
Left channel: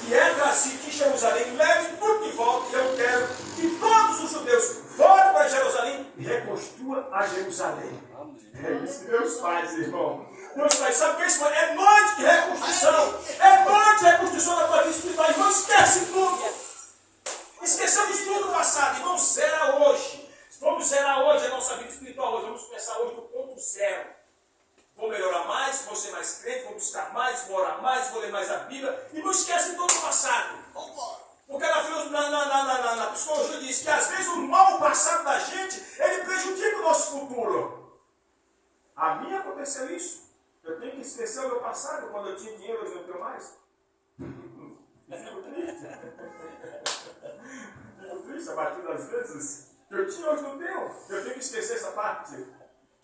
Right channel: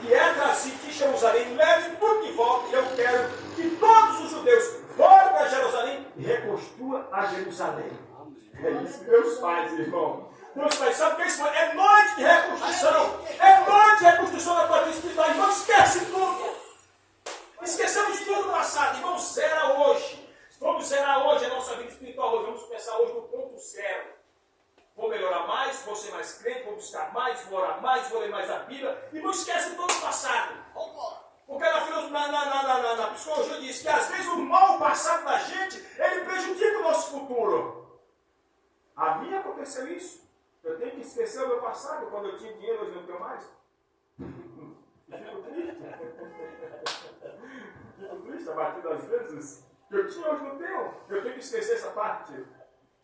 que é trazido de Jerusalém levem tudo de volta, e eu quero que todos os judeus voltem para Jerusalém e reconstruam a Jerusalém. É isso que Deus faz, irmão. Deus faz. Sabe o que é isso? É noite de reconstrução. É noite de reconstrução da tua vida espiritual. Irmão, esquece tudo. Esquecemos tudo do passado. Irmão, zera hoje. Vamos zerar hoje a nossa vida espiritual. Hoje vamos começar hoje do ponto zero. Vou melhorar mais, vou ser mais crente, vou buscar mais, vou orar mais, vou ler mais a Bíblia. E não esquece todo o passado. Porque na psicologia diz que às vezes o mal passado da gente, ele prejudica o nosso futuro. A mim aconteceu isso. Eu tenho que esquecer o meu passado. Quando eu tinha dinheiro, hoje não tenho mais. Fico triste. Fico triste, abatido às vezes. Eu tinha, hoje não tenho. Eu tenho que esquecer essa parte.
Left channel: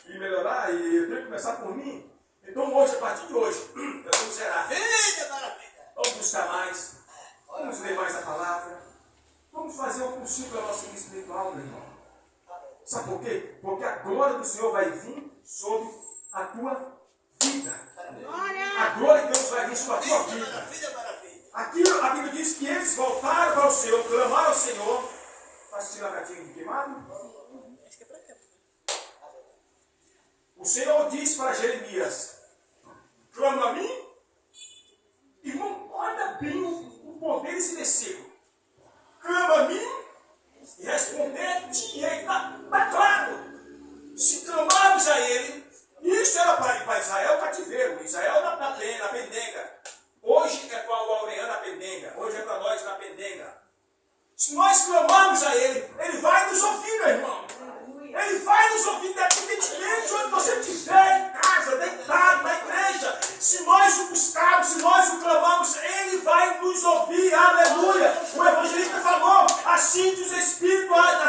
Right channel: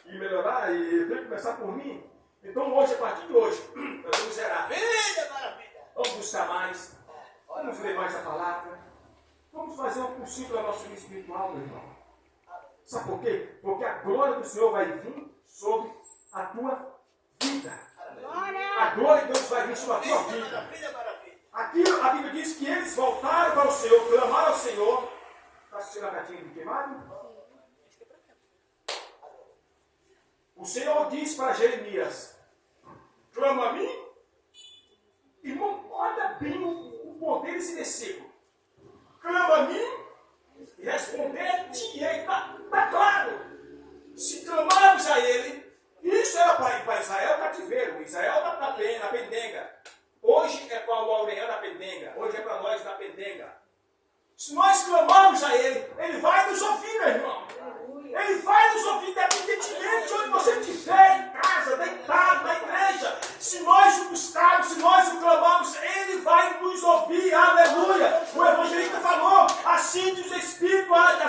E melhorar, e eu tenho que começar por mim. Então hoje, a partir de hoje, nós vamos zerar. Vida para a vida. Vamos buscar mais. Vamos ler mais a palavra. Vamos fazer o possível na nossa vida espiritual, meu irmão. Sabe por quê? Porque a glória do Senhor vai vir sobre a tua vida. A glória de Deus vai vir sobre a tua vida. Vida para a vida. Aqui a Bíblia diz que eles voltaram para o Senhor, clamaram ao Senhor. Está assistindo a gatinha de queimado? O Senhor disse para Jeremias: clama a mim. Irmão, olha bem o poder desse versículo. Clama a mim e responder-te-ei. Está claro. Se clamarmos a ele, isso era para Israel cativeiro. Israel na pendenga. Hoje é para o Aureano na pendenga. Hoje é para nós na pendenga. Se nós clamarmos a ele, ele vai nos ouvir, meu irmão. Ele vai nos ouvir independentemente onde você estiver, em casa, deitado, na igreja. Se nós o buscarmos, se nós o clamarmos, ele vai nos ouvir. Aleluia. O evangelista falou: assim diz o Espírito a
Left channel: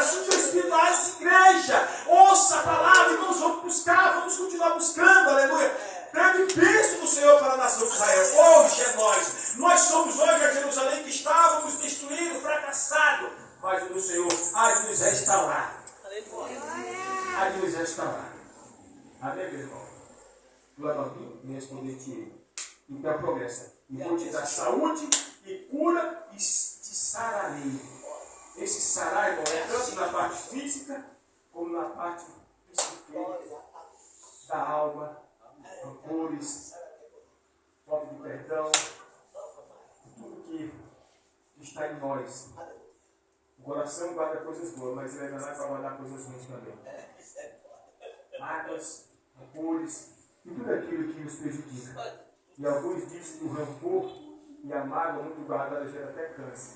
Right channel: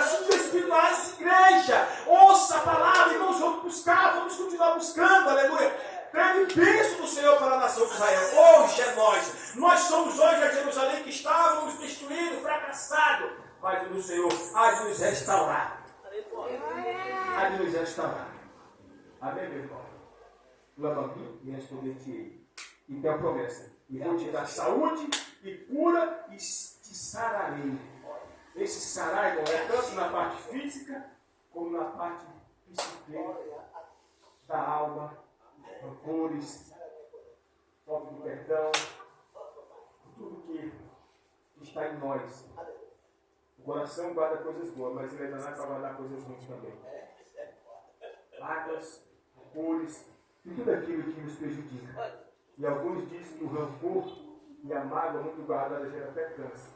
essa igreja. Ouça a palavra, irmãos, vamos buscar, vamos continuar buscando. Aleluia. Grande bênção do Senhor para a nação de Israel. Hoje é nós. Nós somos hoje a Jerusalém que estávamos destruídos, fracassados. Mas o Senhor há de nos restaurar. Há de nos restaurar. Amém, meu irmão? Clama a mim e responder-te-ei. E tem a promessa: e vou te dar saúde e cura e te sararei. Esse sarar, irmão, é tanto na parte física como na parte psíquica, da alma, rancores, falta de perdão, tudo que está em nós. O coração guarda coisas boas, mas ele ainda vai guardar coisas ruins também. Mágoas, rancores e tudo aquilo que nos prejudica. E alguns dizem que o rancor e a mágoa muito guardada gera até câncer.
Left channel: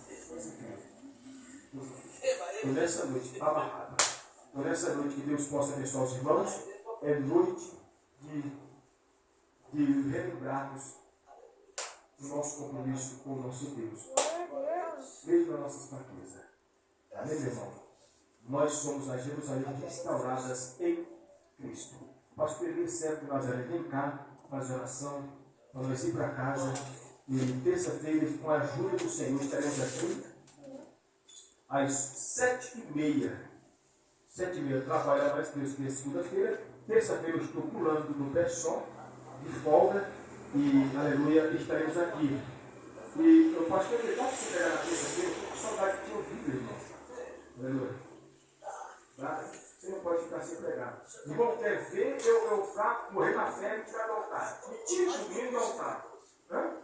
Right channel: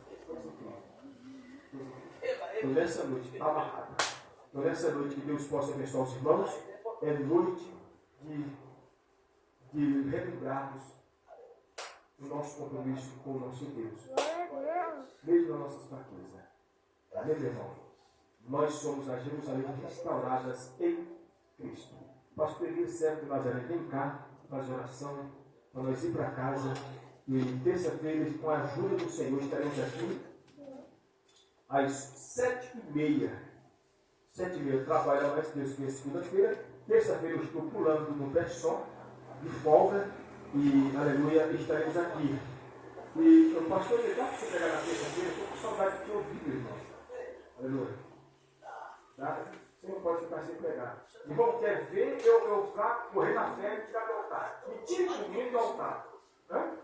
Então nessa noite, amarrado. Então nessa noite que Deus possa abençoar os irmãos, é noite de relembrarmos o nosso compromisso com o nosso Deus. Mesmo nas nossas fraquezas. Amém, meu irmão? Nós somos a Jerusalém restauradas em Cristo. Pastor Elias serve de Nazaré, vem cá, faz oração, para nós ir para casa. E terça-feira, com a ajuda do Senhor, estaremos aqui às 7h30. 7h30, trabalhando, mas Deus quer segunda-feira. Terça-feira eu estou pulando no pé só, de folga, e aleluia, estaremos aqui. E eu posso ter legal você pegar na terça-feira, eu estou com saudade de te ouvir, meu irmão. Aleluia. Tá? Você não pode ficar sem pregar. Irmão, quer ver eu ficar, morrer na fé e tirar do altar? Me tire comigo do altar. Hã?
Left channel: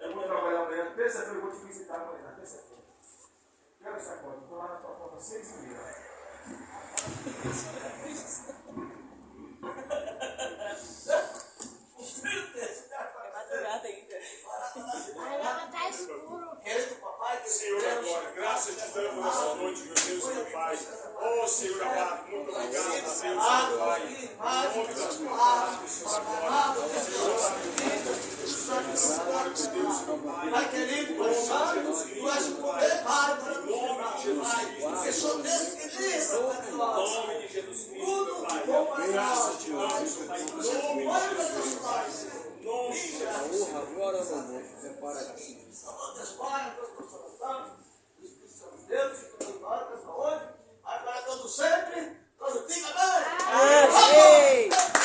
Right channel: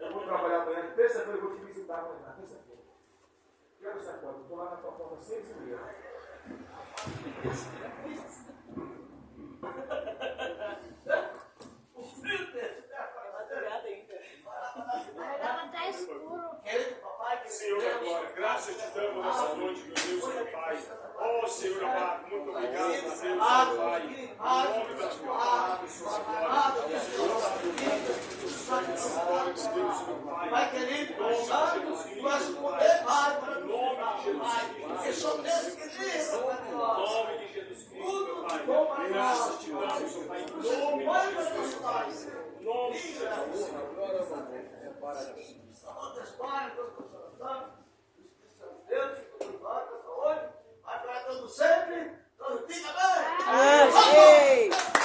Eu vou trabalhar amanhã terça-feira eu vou te visitar amanhã, na terça-feira. Que hora você acorda? Estou lá na tua porta 6h30. O filho desse cara vai Madrugada ainda. Agora tá escuro. querendo papai, que Senhor, agora, graças te damos nessa noite, meu Deus, meu Pai. Ó Senhor amado, muito obrigado, meu Deus, meu Pai. Em nome da tua palavra, Senhor, agora. Senhor amado, Deus, meu Pai. Pai querido, Em nome de Santo, Jesus tu Cristo, és o meu poder, Pai. Pai, para Em nos nome de Jesus Pai, Cristo, porque sou Deus que livra, Pai, em nós. nome de Jesus Cristo, Tudo meu que Pai. bom para Graças nós, te damos, Pai. meu Pai. Em Você nome foi de para Jesus, nós, Pai. Pai. Em nome de Jesus. Salva Deus, Pai, Deus consolação, Espírito Santo de Deus, que nos guarda, saúde, vai para todo sempre, todo dia, amém. Amém.